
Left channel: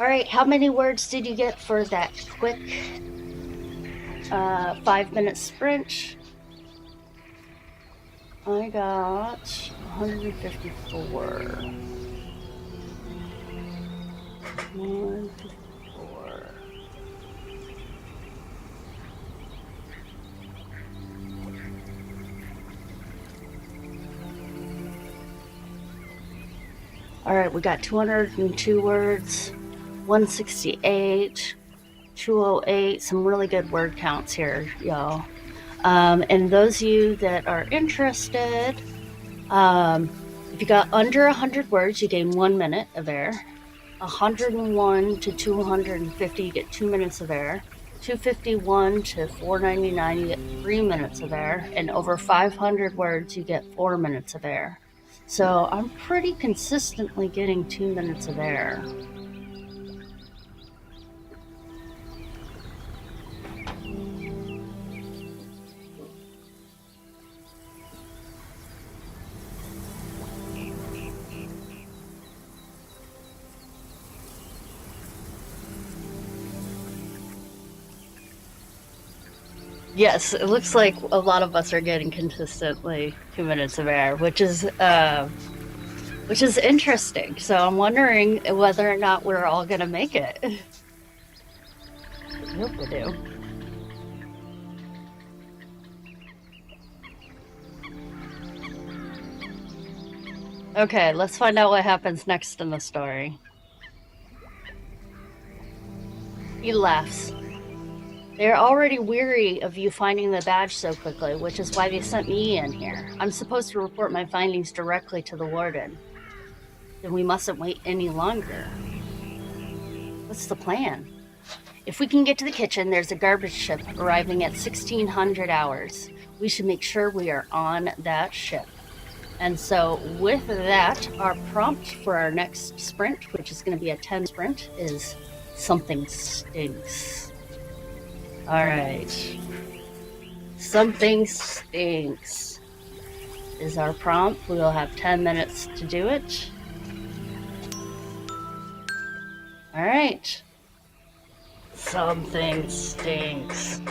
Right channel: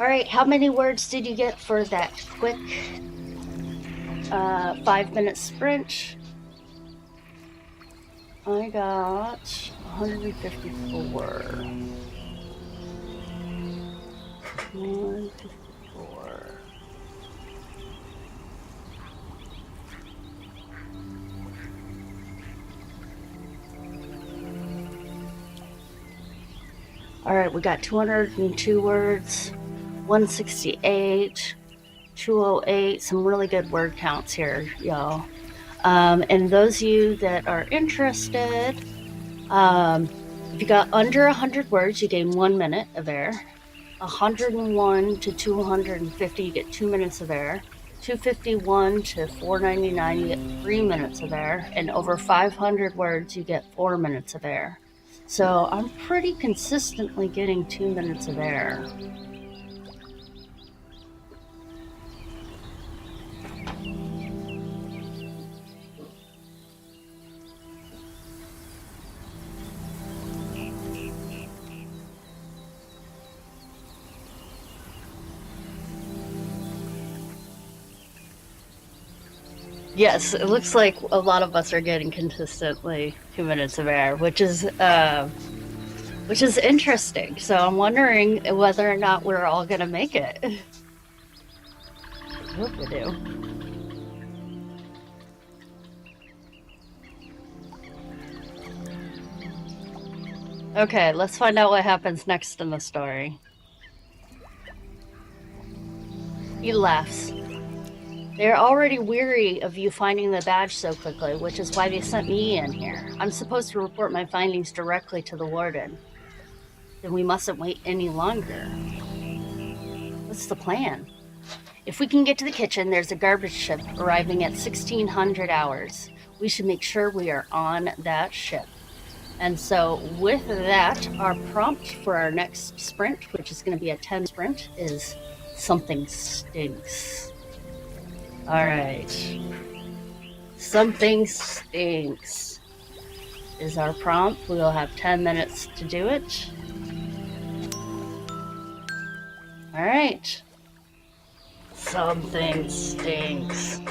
All right, how many words did you get for that quick 5-minute sprint? I got 154. 154. All right, we got 202 words, 168, 208, some really good word counts here, y'all. And those of you that are interested, if you got under 100 words, you gain 1 minute of air. 101 to 250, you get 2 minutes of air. 251 to 499, you get 3 minutes of air. And over 500 words, you get 4 minutes of air. So I'm pretty consistently getting 2 minutes of air. Yes, it looks like a lot of us are getting consistently 2 minutes of air, which is interesting. So I'm wondering whether or not we're all gonna make it. I hope we do. Okay, let's find out what happens next in the story. He laughs. They're already weary of you finding the badge so quickly, which is why they sent me in here. I'm supposed to report my findings directly to the warden. Then we mustn't wait any longer. What's the plan? If we can get to the kitchen, there's a garbage ship arriving at 1600 hours. We should make sure we are on that ship. And so with that, our prompt for our next sprint, which is going to be a 10 sprint, is something stinks. All right. Something stinks is our prompt. We will have 10 minutes to do it. All right. Something stinks.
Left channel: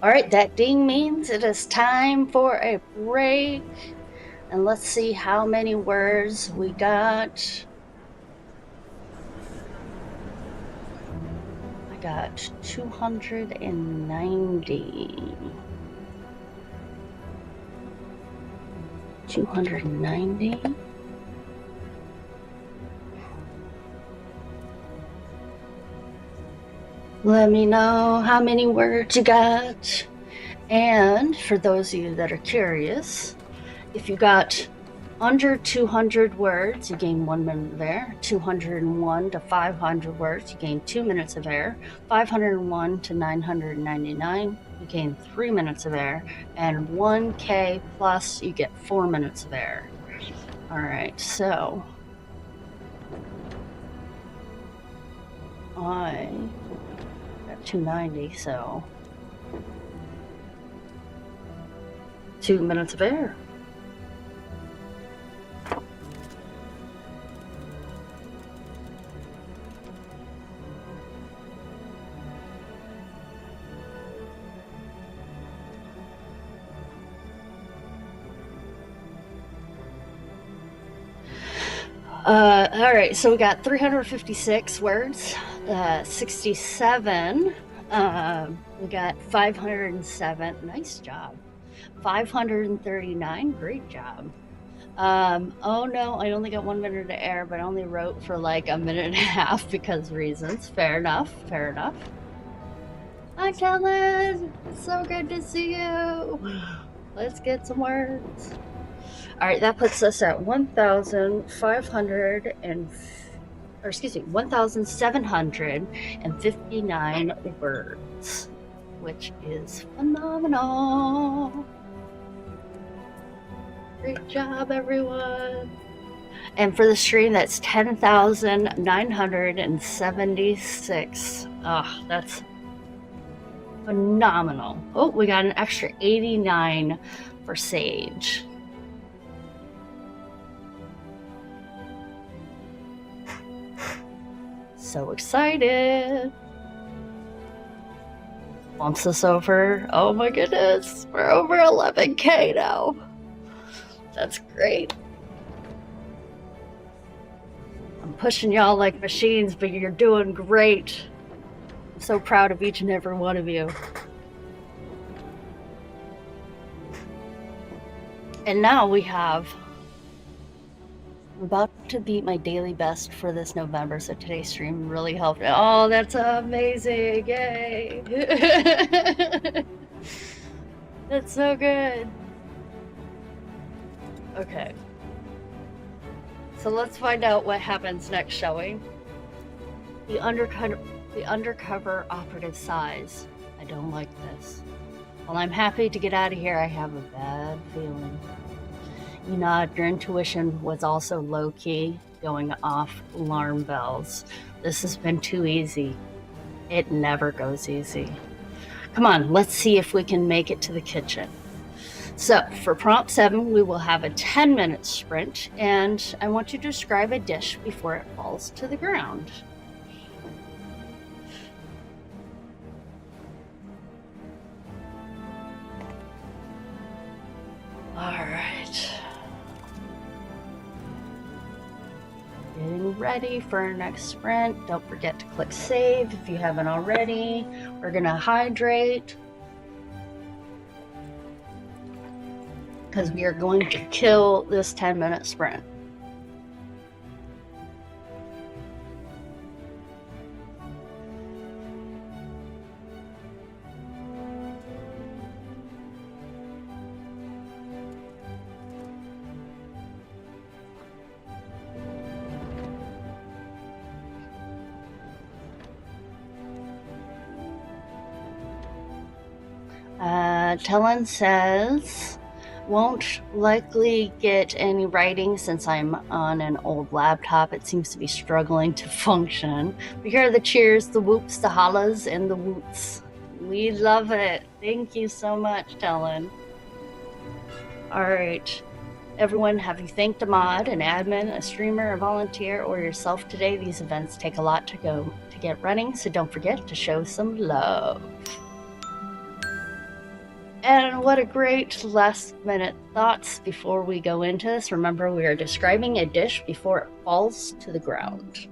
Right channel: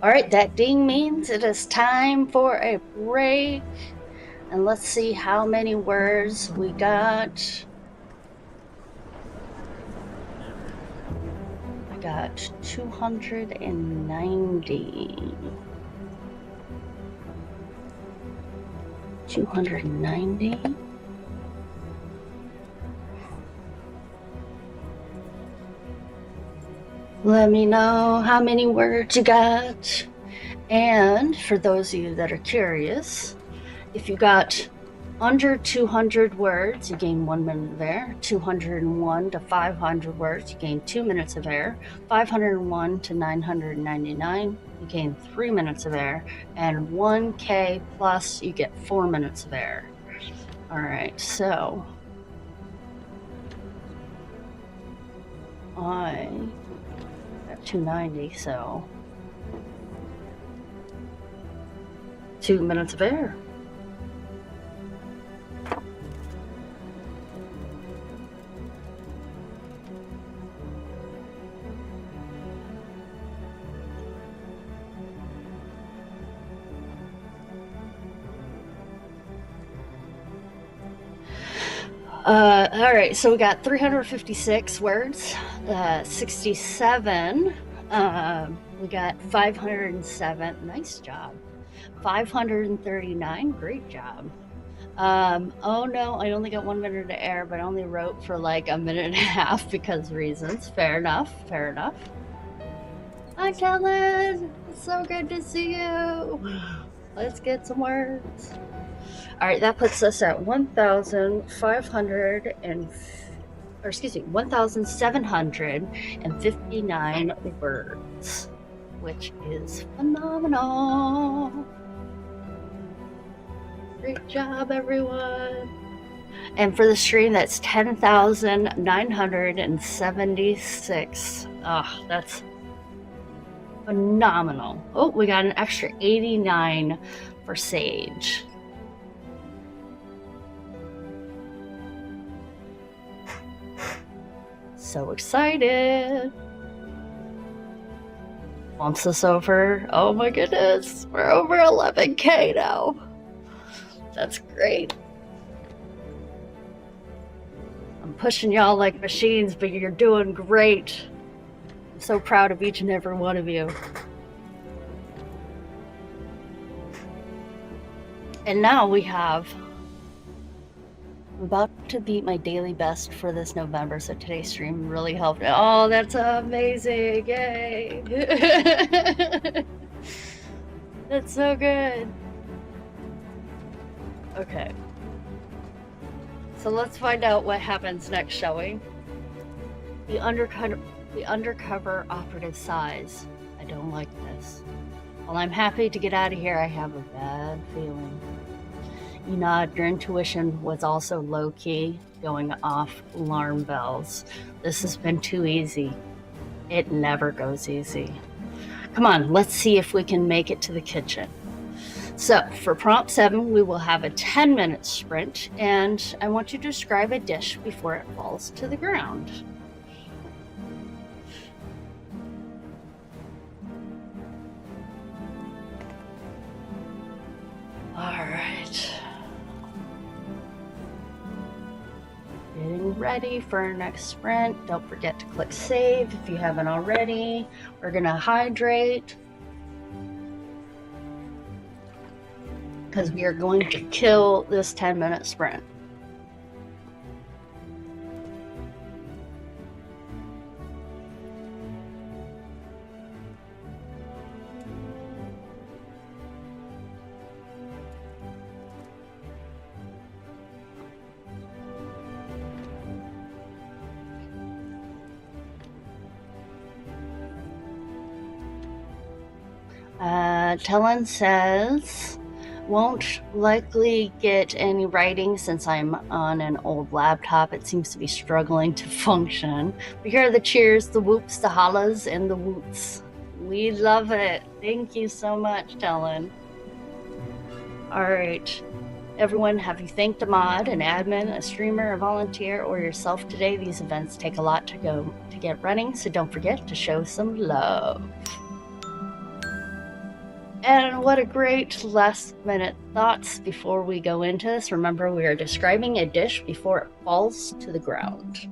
All right, that ding means it is time for a break. And let's see how many words we got. I got 290. 290. Let me know how many words you got. And for those of you that are curious, if you got under 200 words, you gain 1 minute of air. 201 to 500 words, you gain 2 minutes of air. 501 to 999, you gain 3 minutes of air. And 1K plus, you get 4 minutes of air. All right, so I got 290, so 2 minutes of air. All right, so we got 356 words, 67. We got 507. Nice job. 539. Great job. Oh no, I only got 1 minute of air, but I only wrote for like a minute and a half because reasons. Fair enough. Fair enough. Hi, Kellen. It's so good to see you. Let's get some words. All right, that puts us at 1,759 words, which is phenomenal. Great job, everyone. And for the stream, that's 10,976. Oh, that's phenomenal. Oh, we got an extra 89 for Sage. So excited. Once this over, oh my goodness, we're over 11K now. That's great. I'm pushing y'all like machines, but you're doing great. I'm so proud of each and every one of you. And now we have, I'm about to beat my daily best for this November, so today's stream really helped. Oh, that's amazing. Yay. That's so good. Okay. So let's find out what happens next, shall we? The undercover operative size. I don't like this. While I'm happy to get out of here, I have a bad feeling. You nod, your intuition was also low-key, going off alarm bells. This has been too easy. It never goes easy. Come on, let's see if we can make it to the kitchen. So for prompt 7, we will have a 10-minute sprint, and I want you to describe a dish before it falls to the ground. All right. Getting ready for our next sprint. Don't forget to click save if you haven't already. We're gonna hydrate because we are going to kill this 10-minute sprint. Tellen says, won't likely get any writing since I'm on an old laptop. It seems to be struggling to function. We hear the cheers, the whoops, the hollers, and the woots. We love it. Thank you so much, Tellen. All right. Everyone, have you thanked a mod, an admin, a streamer, a volunteer, or yourself today? These events take a lot to get running, so don't forget to show some love. And what a great last minute thoughts before we go into this. Remember, we are describing a dish before it falls to the ground.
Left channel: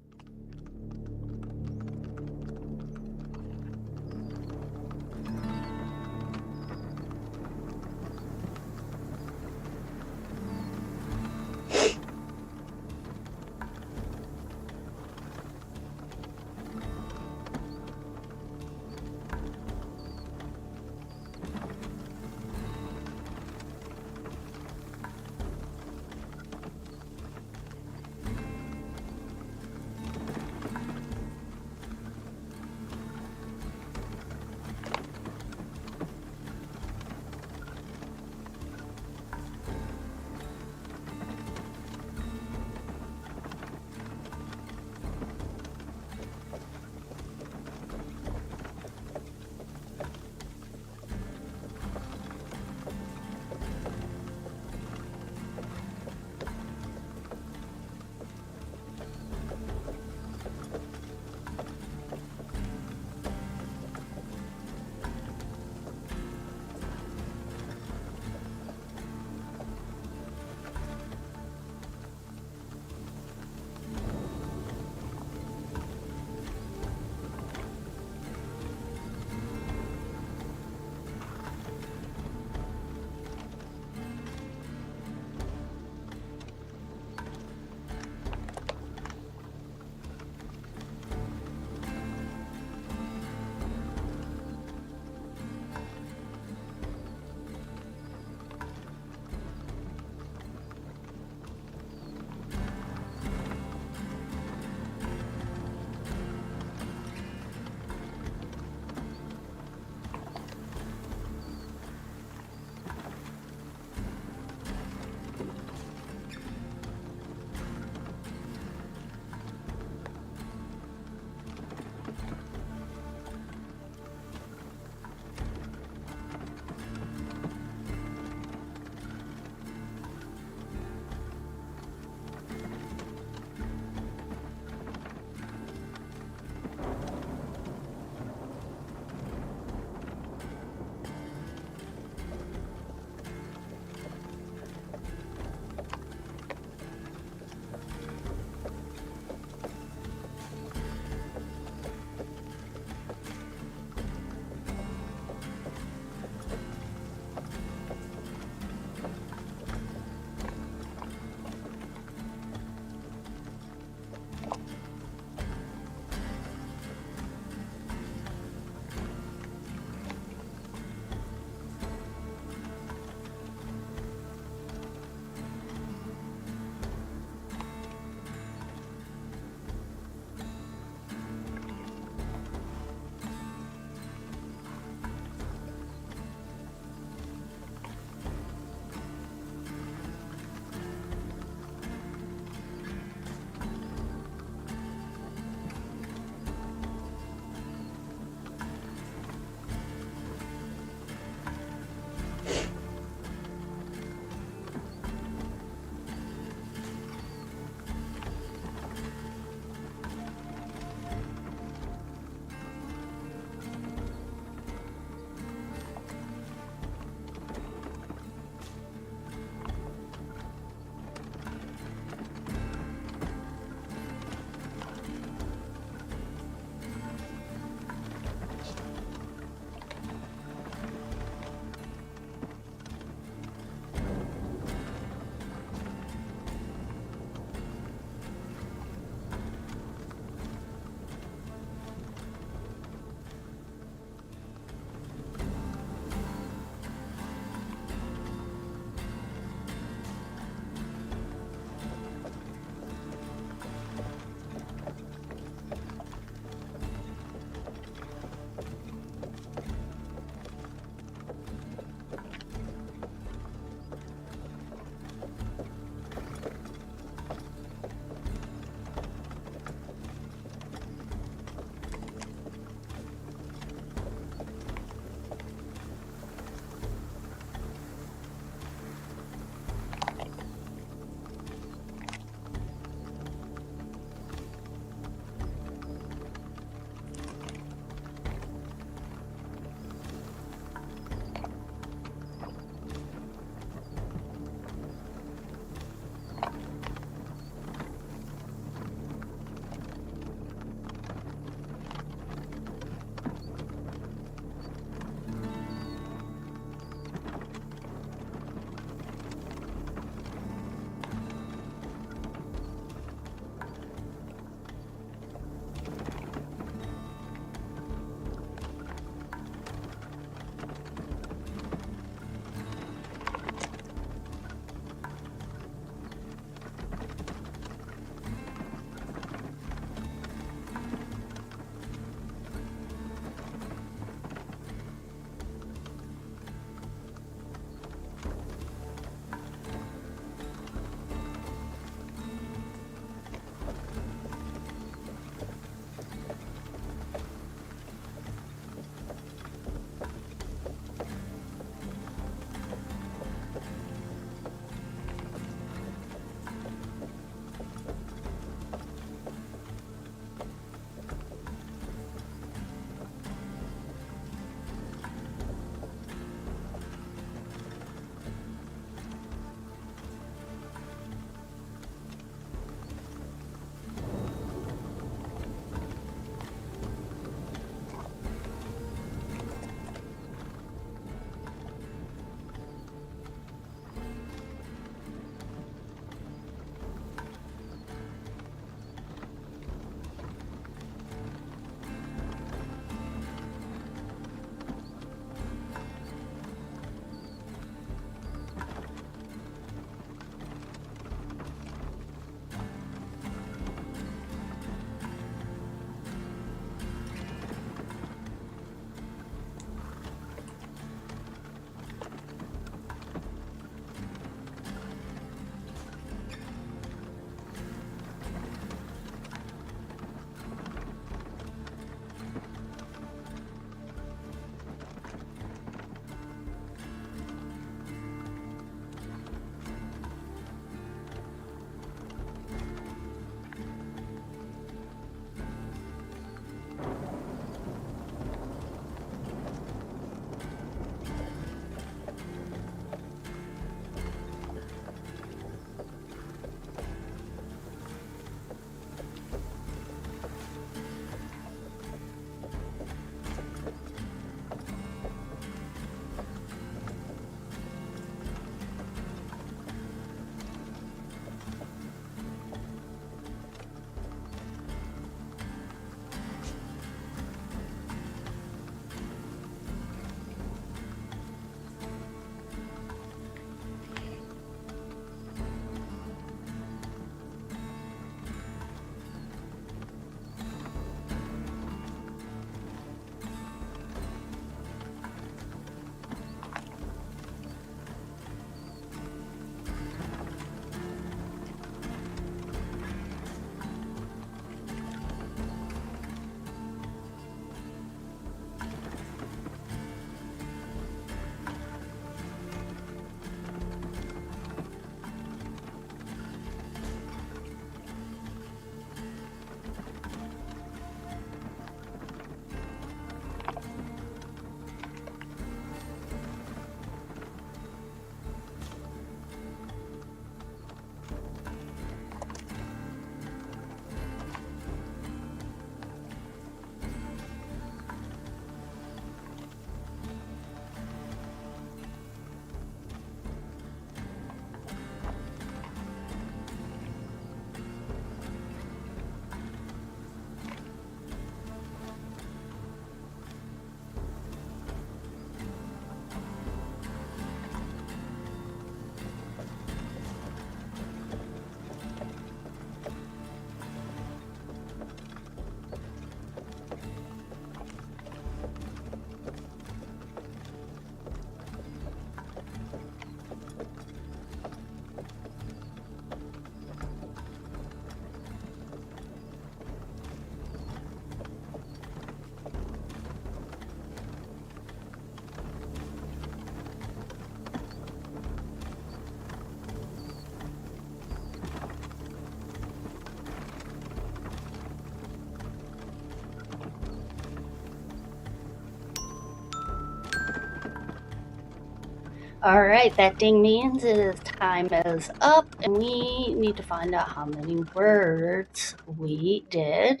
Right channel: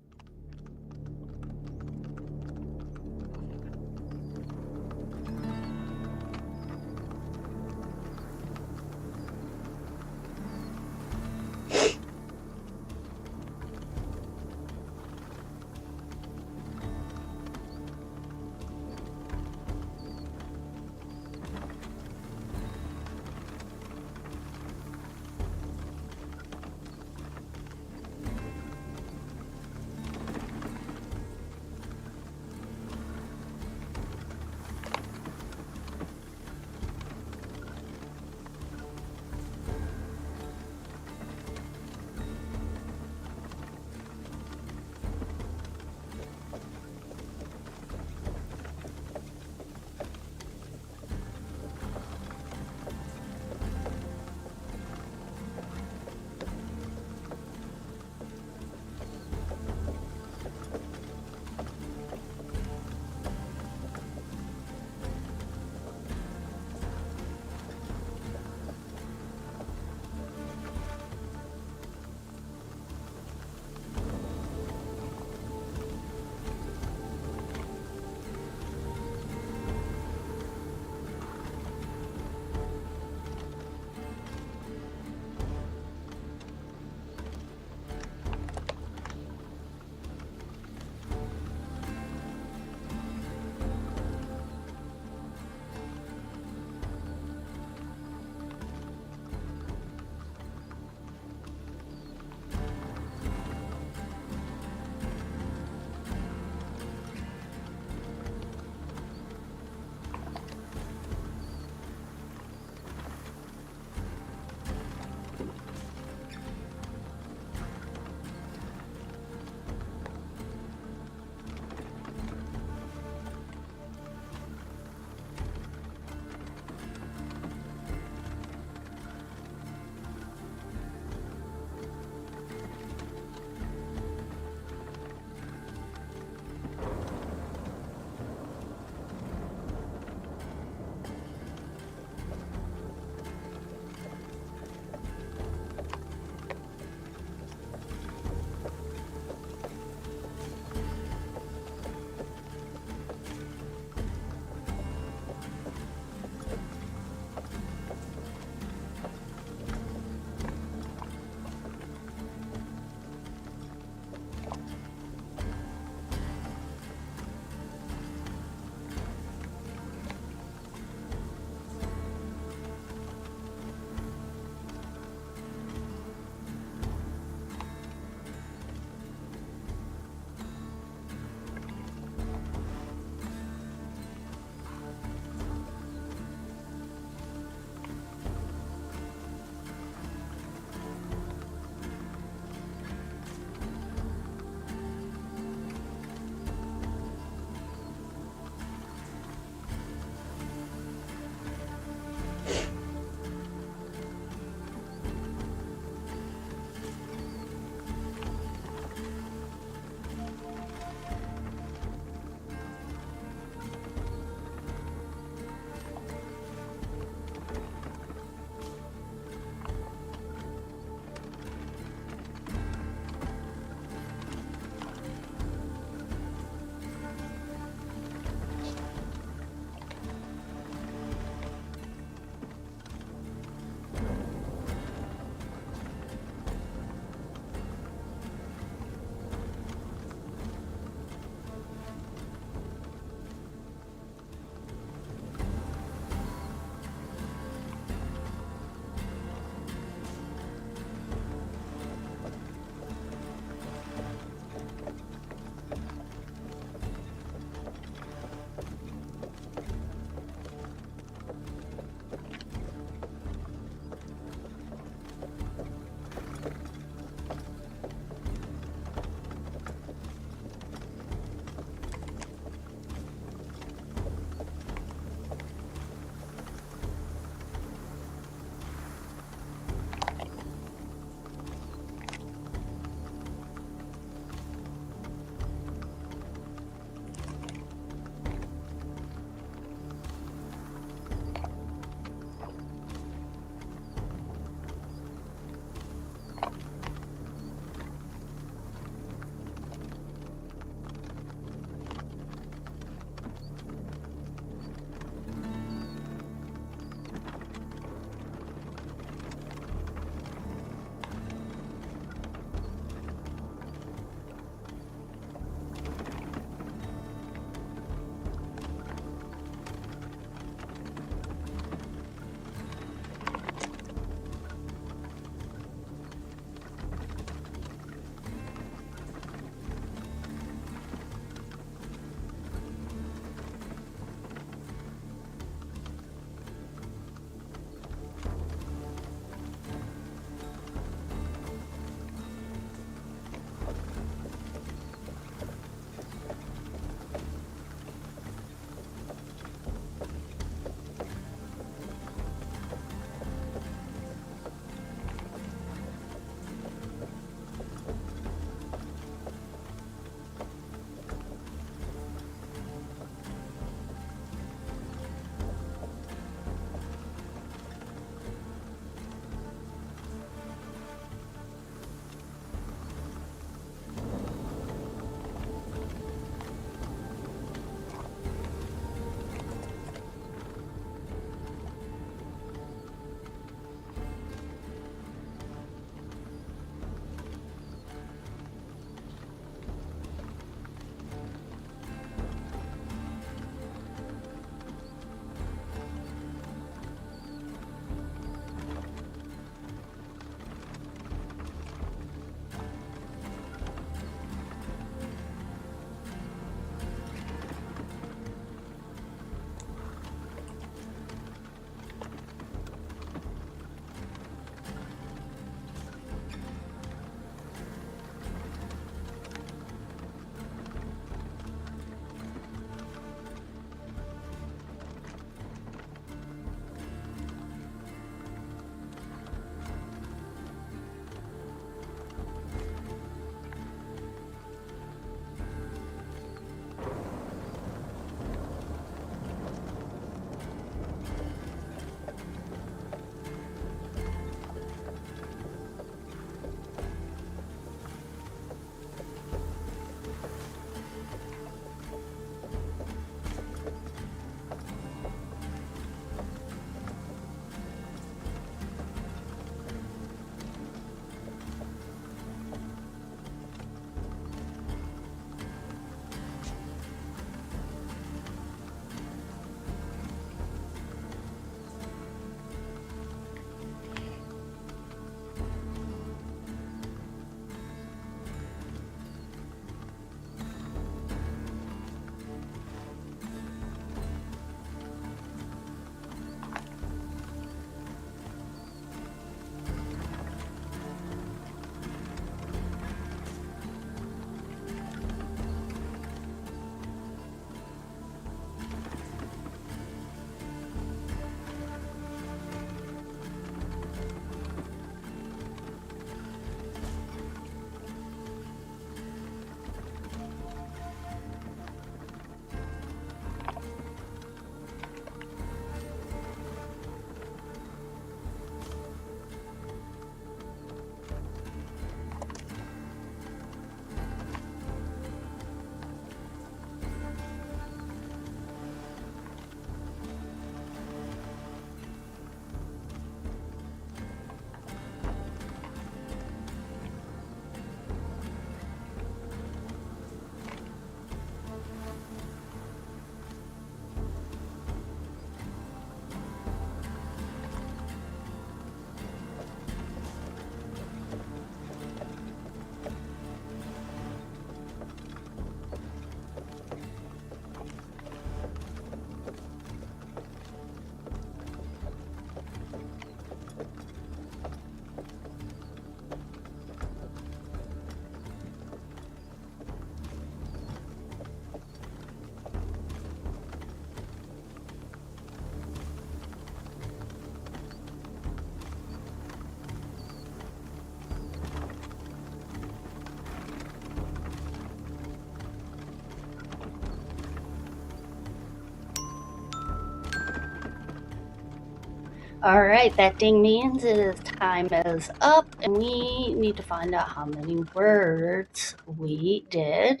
All right, that ding means time is up, and we need to find out how many words we did.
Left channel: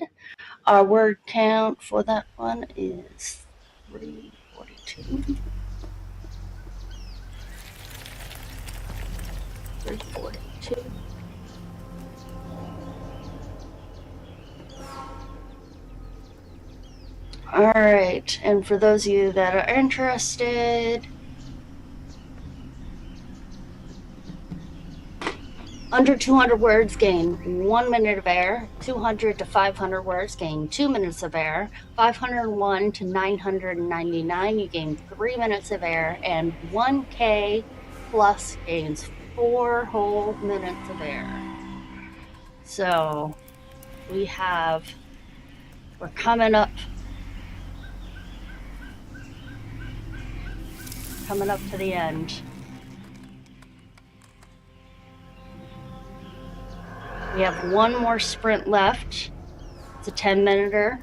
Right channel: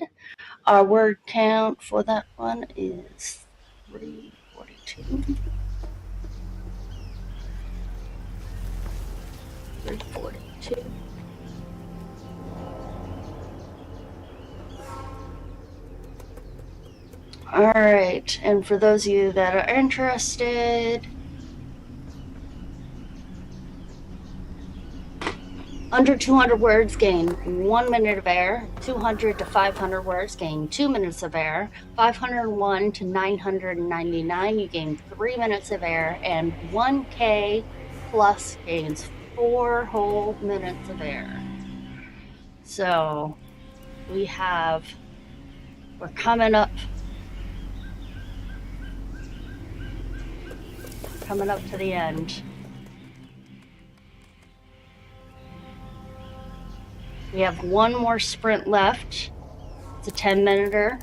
Our word count for that one is 342. 342. All right, and for those of you that are interested, under 200 words gain 1 minute of air, 200 to 500 words gain 2 minutes of air, 501 to 999 you gain 3 minutes of air, and 1K plus gains 4 whole minutes of air. So we're coming up to the end. We have one more sprint left. It's a 10-minuter.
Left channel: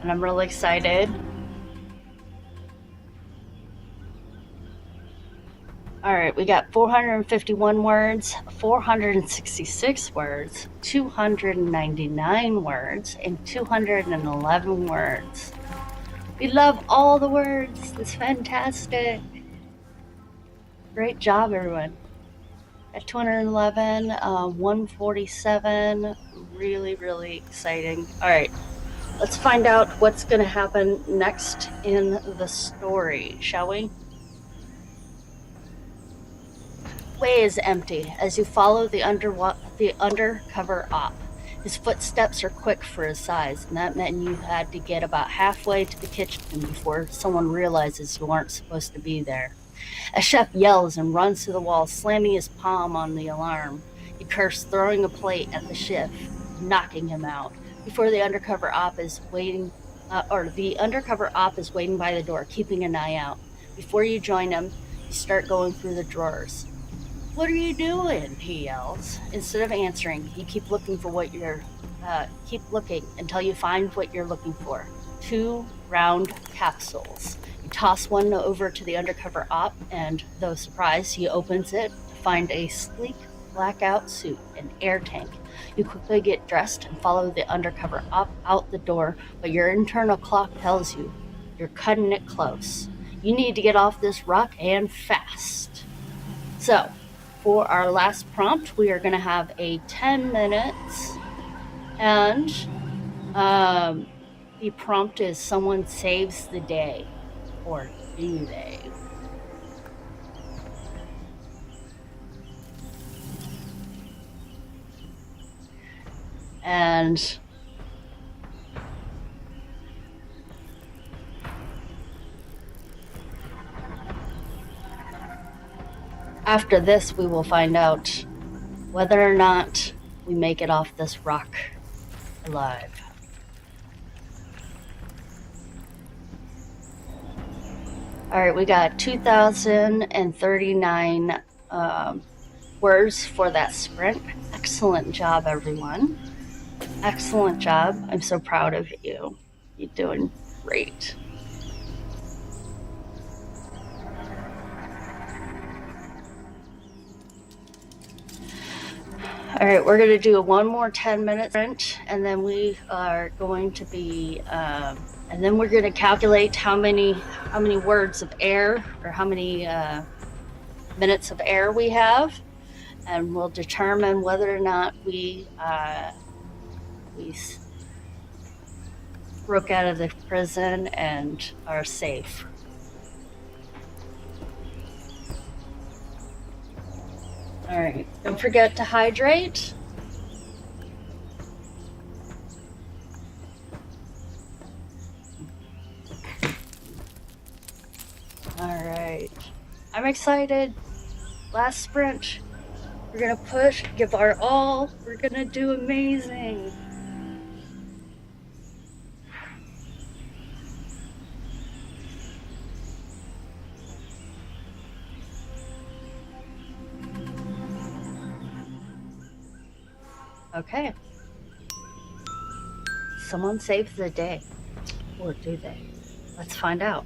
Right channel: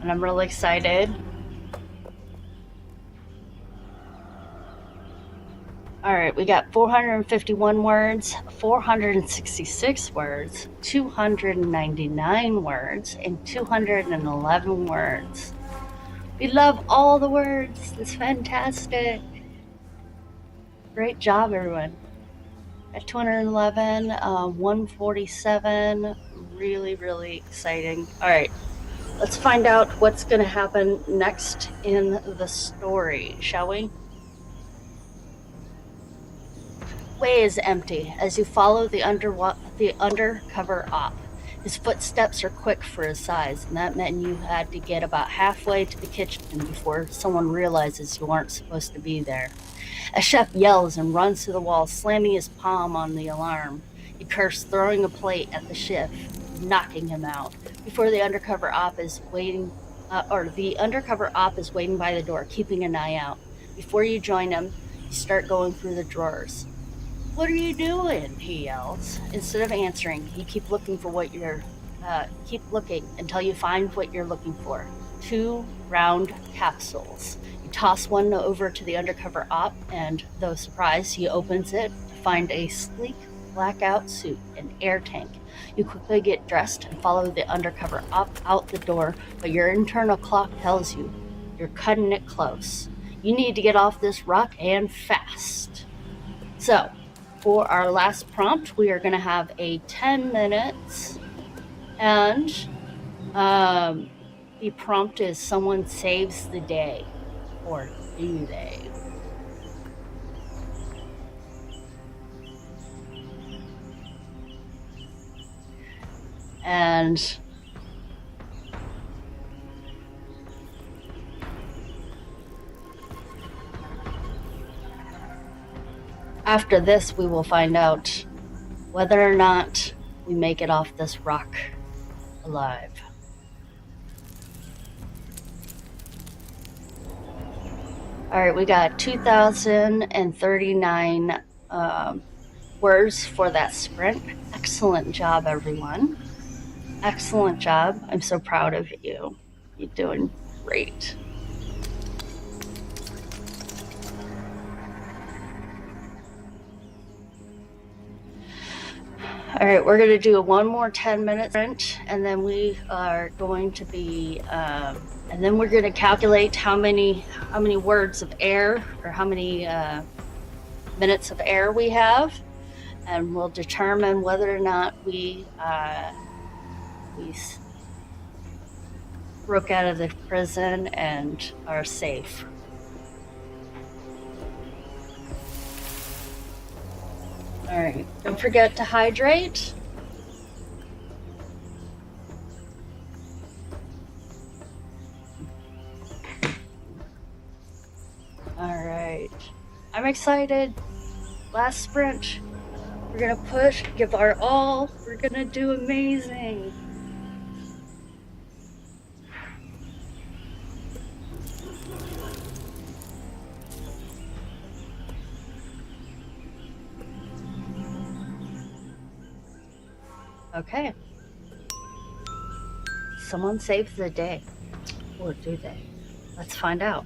And I'm really excited. All right, we got 451 words, 466 words, 299 words, and 211 words. We love all the words. It's fantastic. Great job, everyone. At 211, 147, really, really exciting. All right, let's find out what's going to happen next in the story, shall we? Way is empty as you follow the undercover op. His footsteps are quick for his size, and that meant you had to get about halfway to the kitchen before someone realizes you aren't supposed to be there. A chef yells and runs to the wall, slamming his palm on the alarm. He curses, throwing a plate at the chef, knocking him out. Before the undercover op is waiting, the undercover op is waiting by the door, keeping an eye out. Before you join him, you start going through the drawers. "What are you doing?" he yells. Instead of answering, you keep looking until you find what you're looking for. 2 round capsules. You toss one over to the undercover op, and though surprised, he opens it to find a sleek blackout suit and air tank. You quickly get dressed and follow the undercover op out the door, but your internal clock tells you you're cutting it close. You need to get off this rock and fast. So, for our last prompt, we are going to have a 10 minutes, and the prompt is someone saves the day, or do they? And after this, we will find out whether or not we make it off this rock alive. All right, we got 2,039 words for that sprint. Excellent job, everyone. Excellent job. I'm so proud of you. You're doing great. All right, we're going to do one more 10-minute sprint, and then we are going to be, and then we're going to calculate how many words of air, or how many minutes of air we have, and we'll determine whether or not we broke out of the prison and are safe. All right, don't forget to hydrate. All right, I'm excited. Last sprint. We're gonna push, give our all. We're gonna do amazing. Okay. someone save the day? Or do they? Let's find out.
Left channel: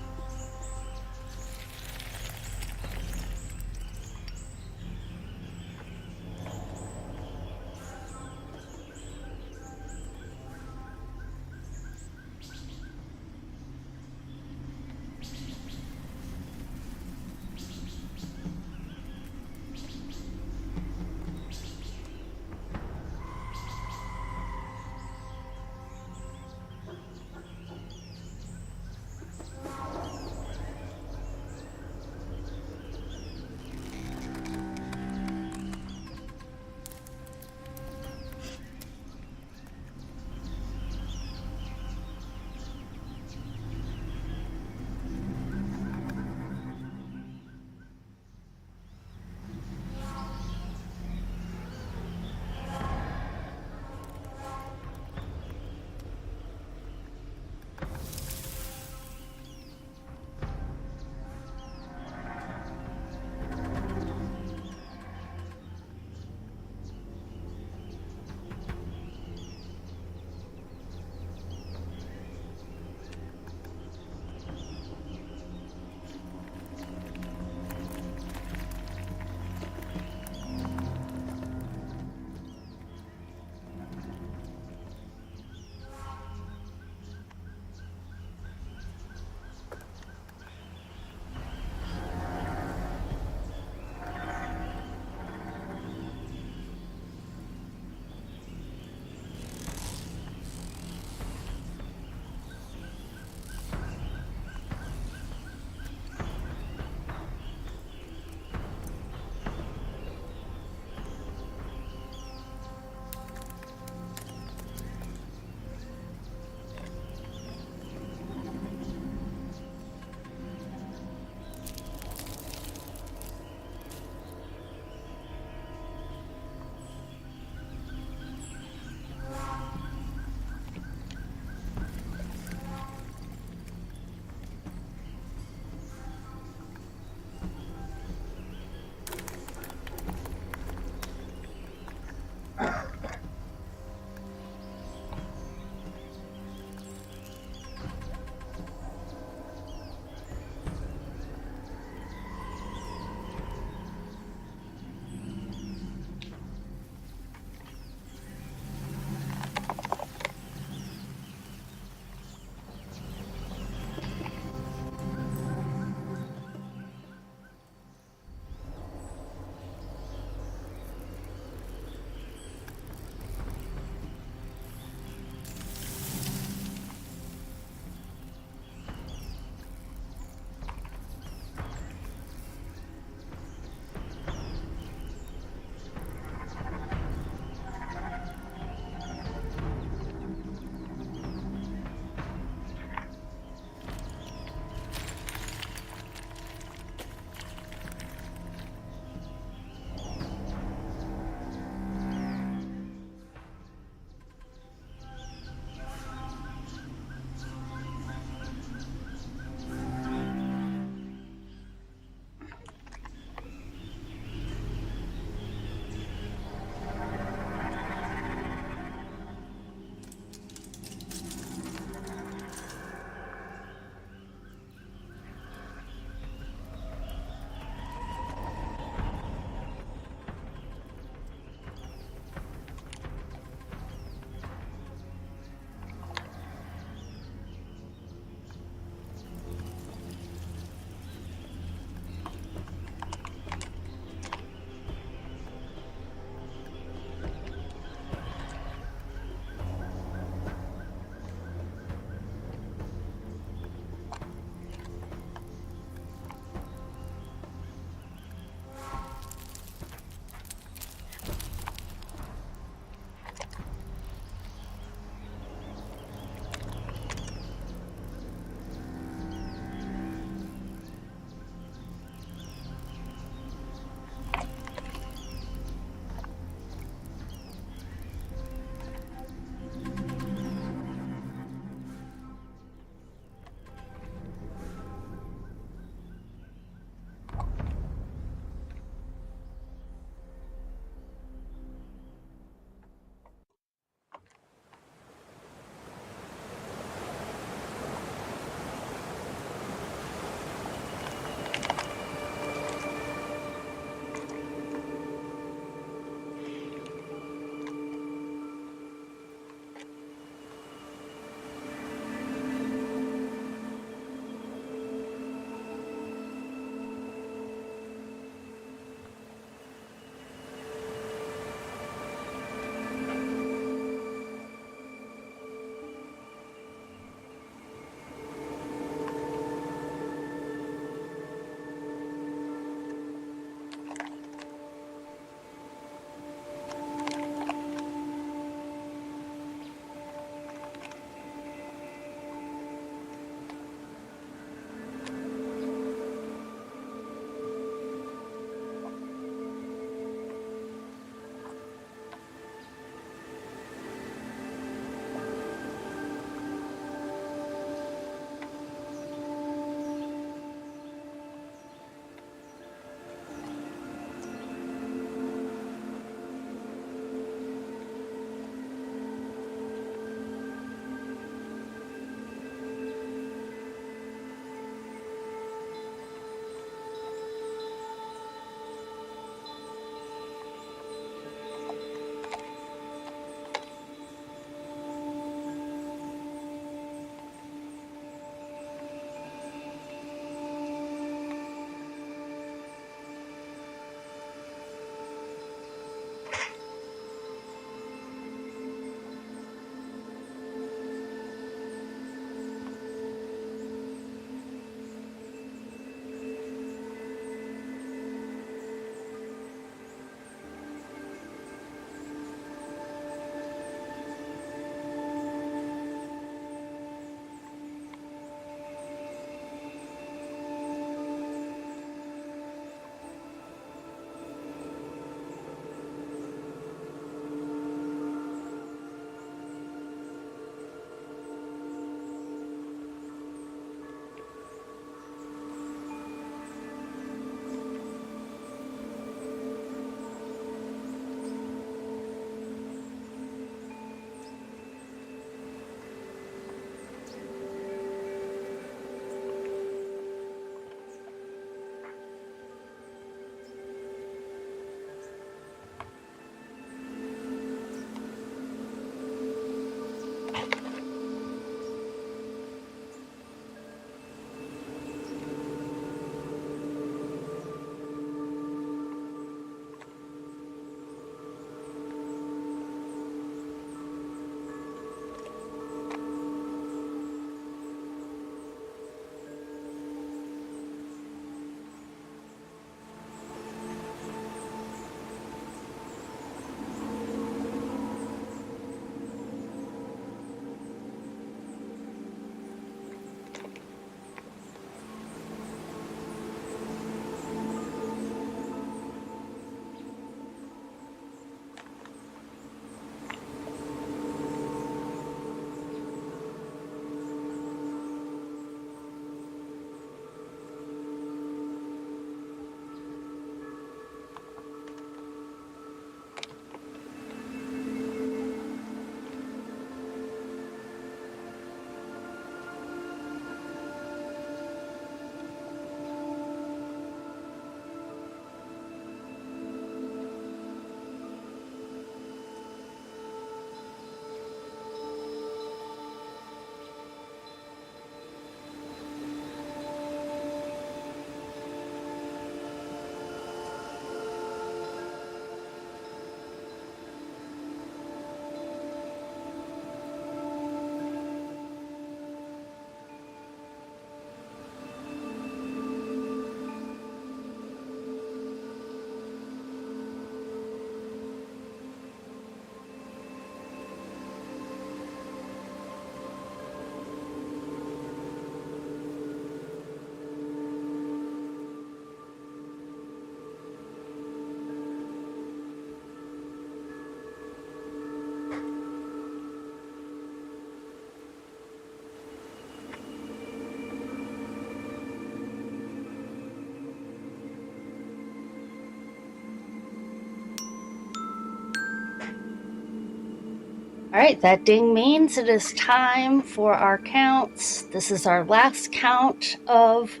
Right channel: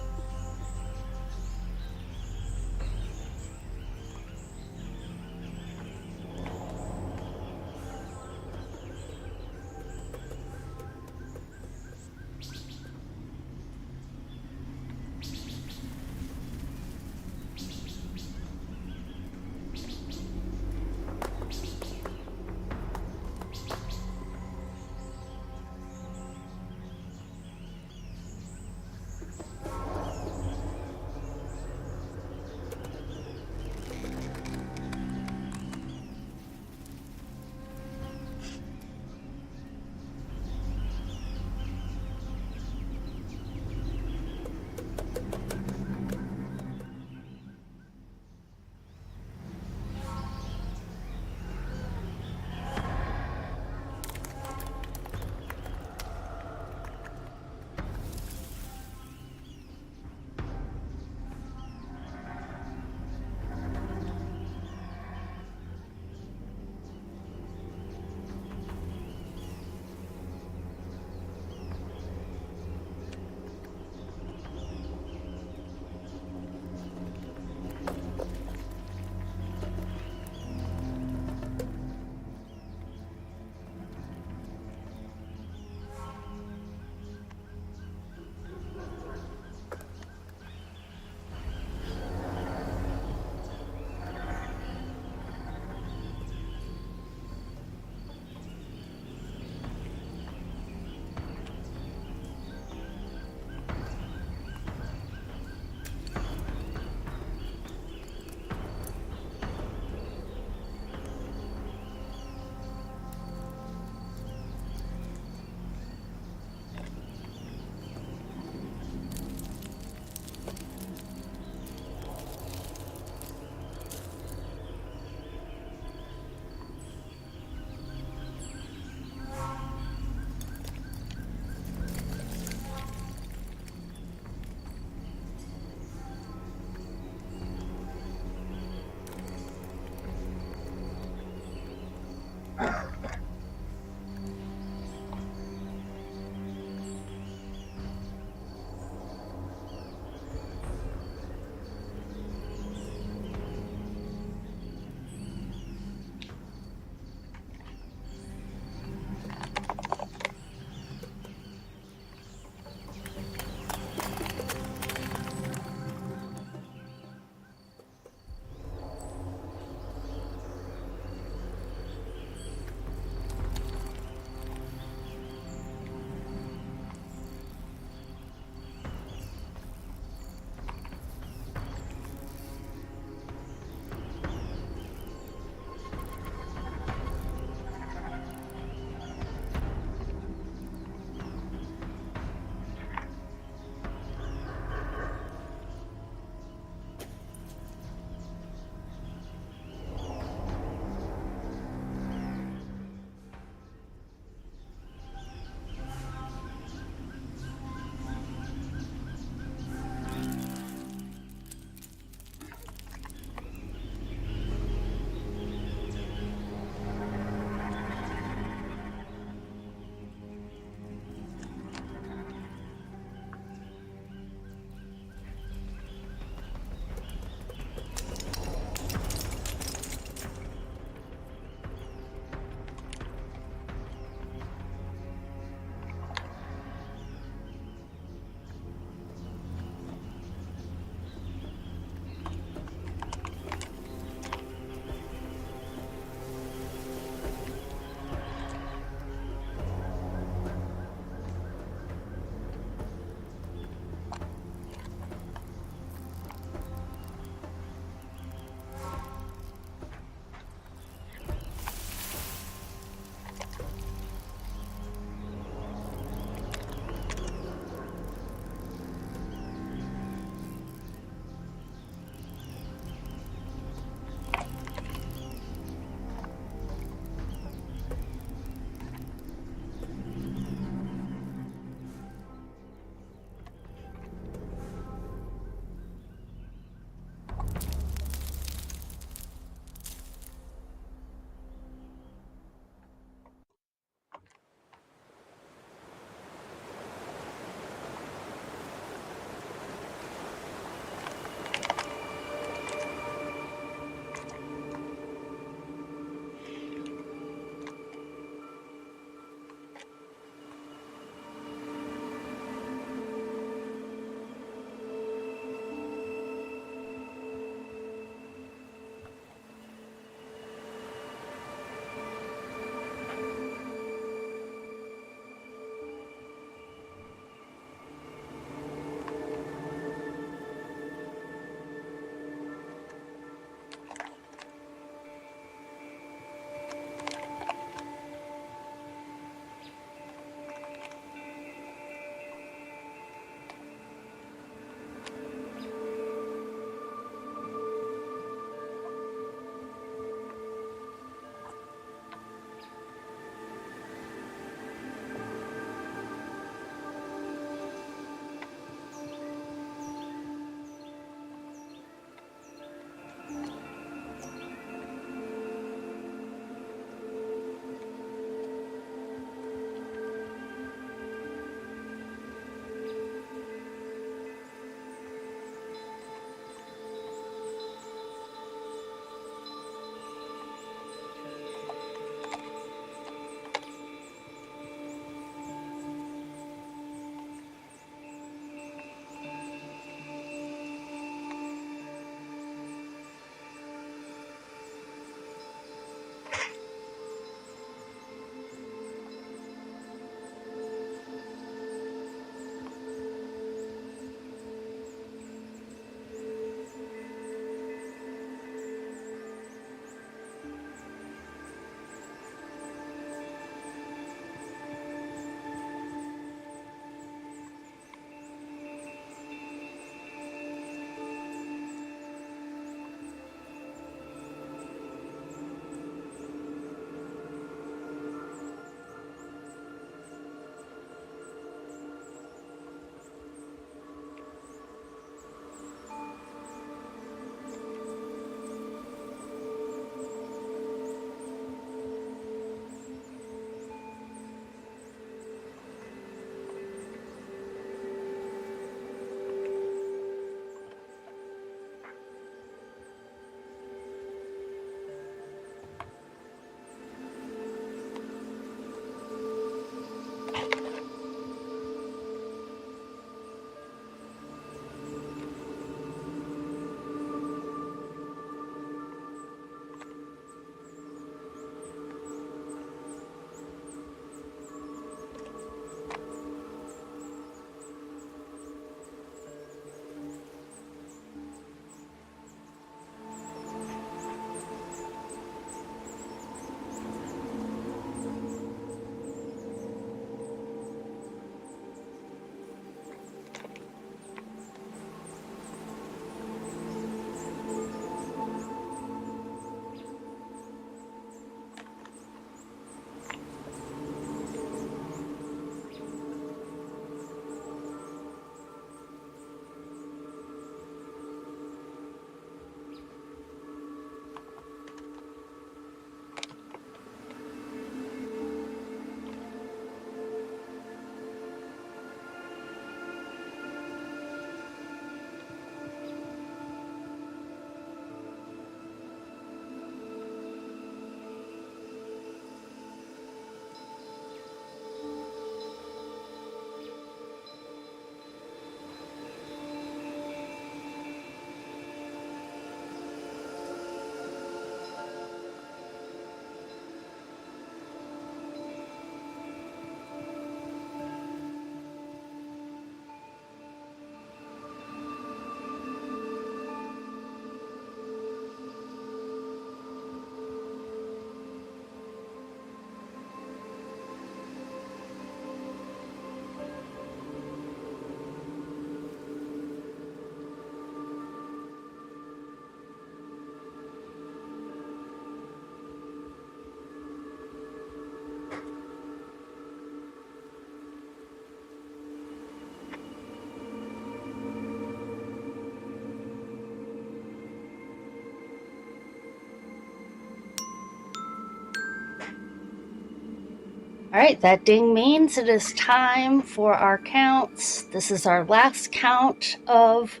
All right, that ding means it is time for our counts. This is our last count of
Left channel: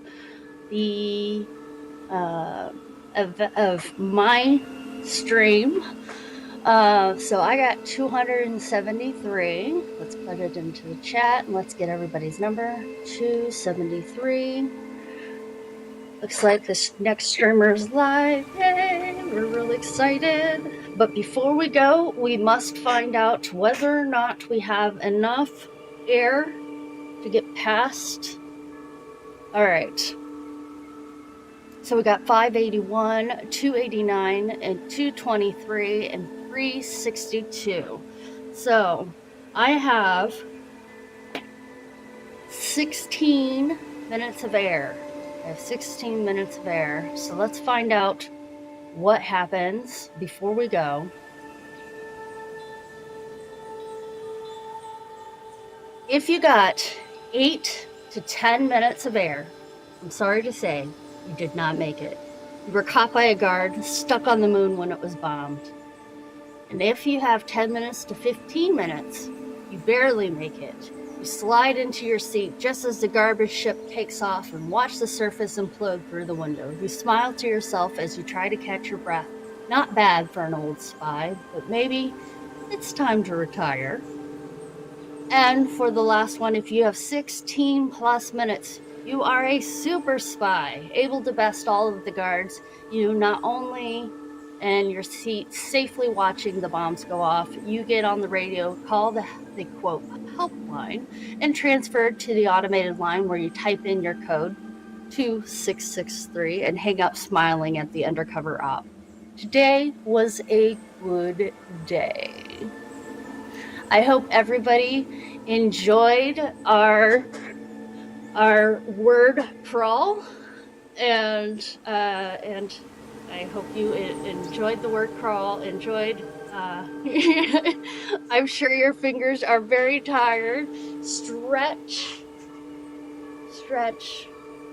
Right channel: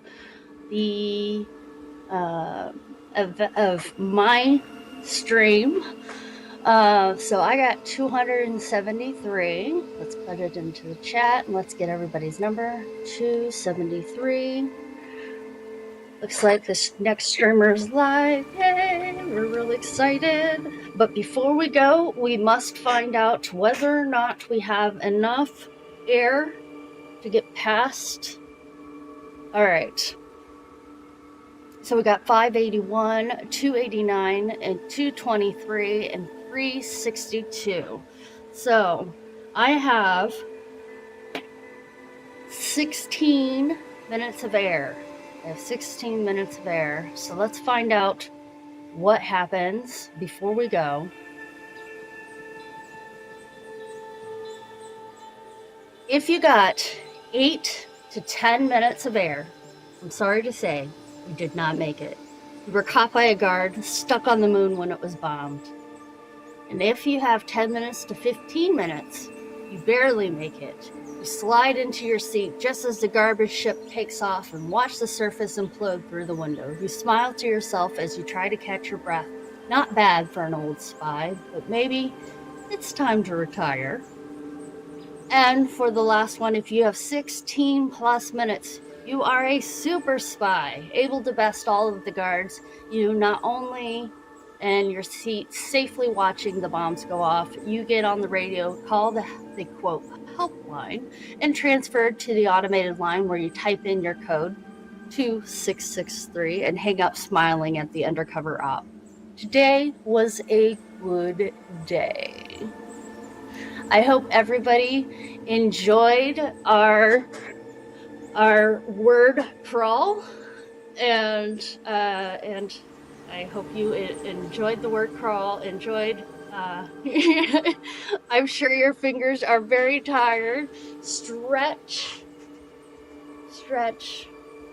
the of my stream. So I got 273. Let's put it into the chat and let's get everybody's number. 273. Looks like this next streamer is live. Yay! We're really excited. But before we go, we must find out whether or not we have enough air to get past. All right. So we got 581, 289, and 223, and 362. So I have 16 minutes of air. I have 16 minutes of air. So let's find out what happens before we go. If you got 8 to 10 minutes of air, I'm sorry to say, you did not make it. You were caught by a guard, stuck on the moon when it was bombed. And if you have 10 minutes to 15 minutes, you barely make it. You slide into your seat just as the garbage ship takes off and watch the surface implode through the window. You smile to yourself as you try to catch your breath. Not bad for an old spy, but maybe it's time to retire. And for the last one, if you have 16 plus minutes, you are a super spy, able to best all of the guards. You not only in your seat safely watching the bombs go off, you get on the radio, call the quote helpline, and transferred to the automated line where you type in your code 2663 and hang up smiling at the undercover op. Today was a good day. I hope everybody enjoyed our word crawl, and I hope you enjoyed the word crawl. Enjoyed. I'm sure your fingers are very tired. Stretch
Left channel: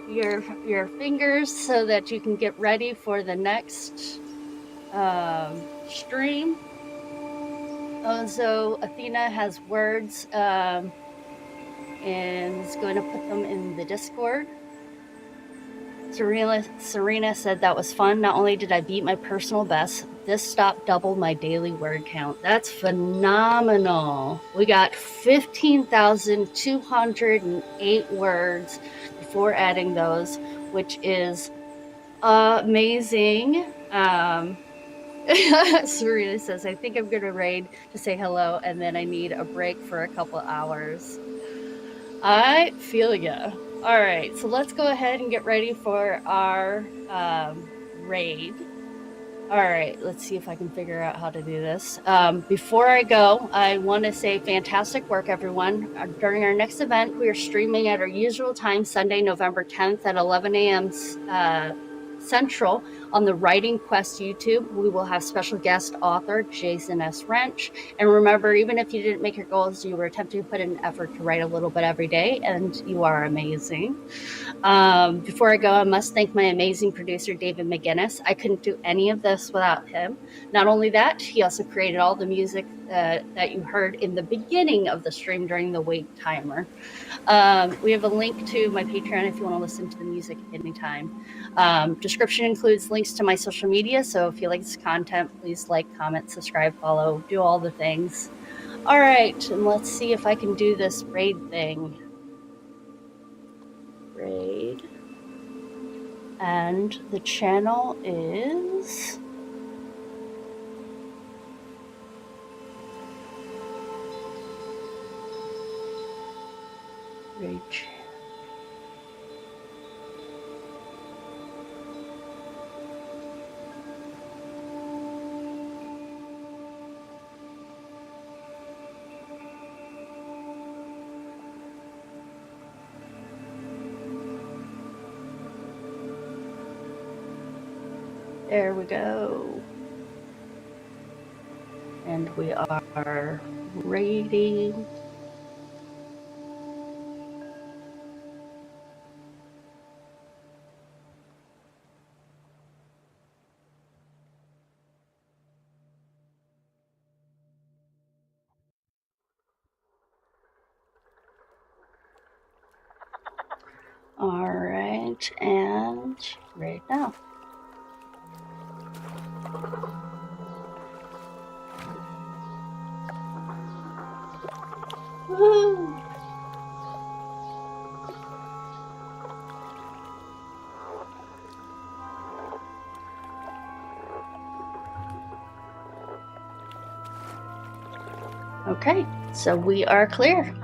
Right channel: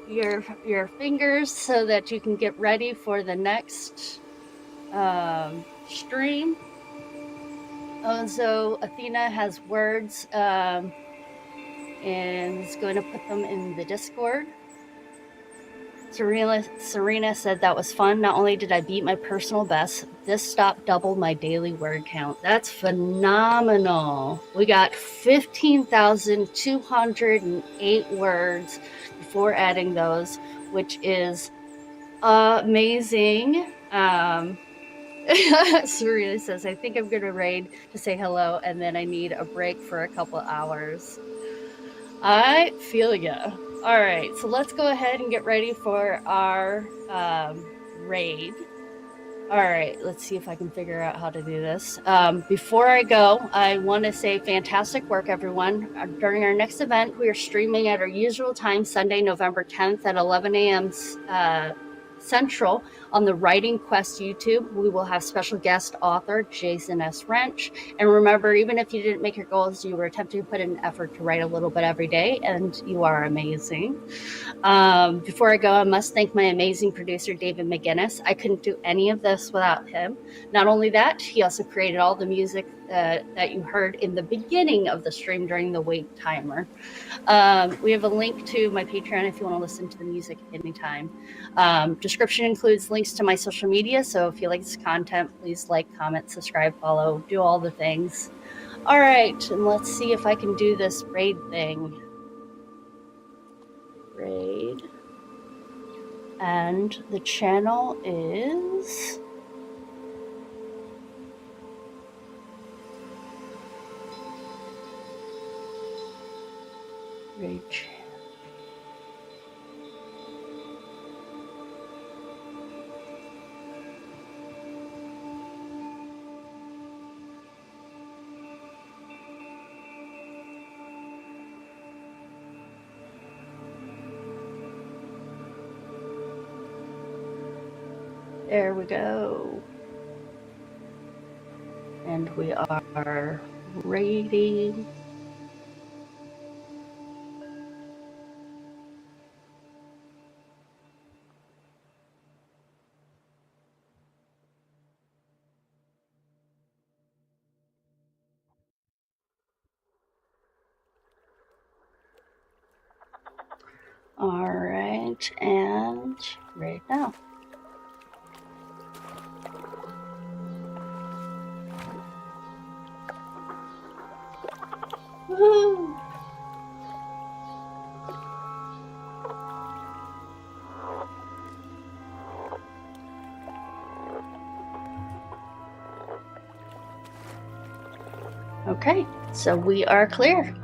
your fingers so that you can get ready for the next stream. And so Athena has words and is going to put them in the Discord. Serena said that was fun. Not only did I beat my personal best, this stop doubled my daily word count. That's phenomenal. We got 15,208 words before adding those, which is amazing. Serena says, I think I'm going to raid to say hello, and then I need a break for a couple hours. I feel ya. All right, so let's go ahead and get ready for our raid. All right, let's see if I can figure out how to do this. Before I go, I want to say fantastic work, everyone. During our next event, we are streaming at our usual time, Sunday, November 10th at 11 a.m. Central on the Writing Quest YouTube. We will have special guest author Jason S. Wrench. And remember, even if you didn't make your goals, you were attempting to put in an effort to write a little bit every day, and you are amazing. Before I go, I must thank my amazing producer, David McGinnis. I couldn't do any of this without him. Not only that, he also created all the music that you heard in the beginning of the stream during the wait timer. We have a link to my Patreon if you want to listen to the music anytime. Description includes links to my social media, so if you like this content, please like, comment, subscribe, follow, do all the things. All right, and let's see if I can do this raid thing. Raid. And the channel is... raid channel. There we go. And we are raiding. All right, and right now. Woo! Okay, so we are clear.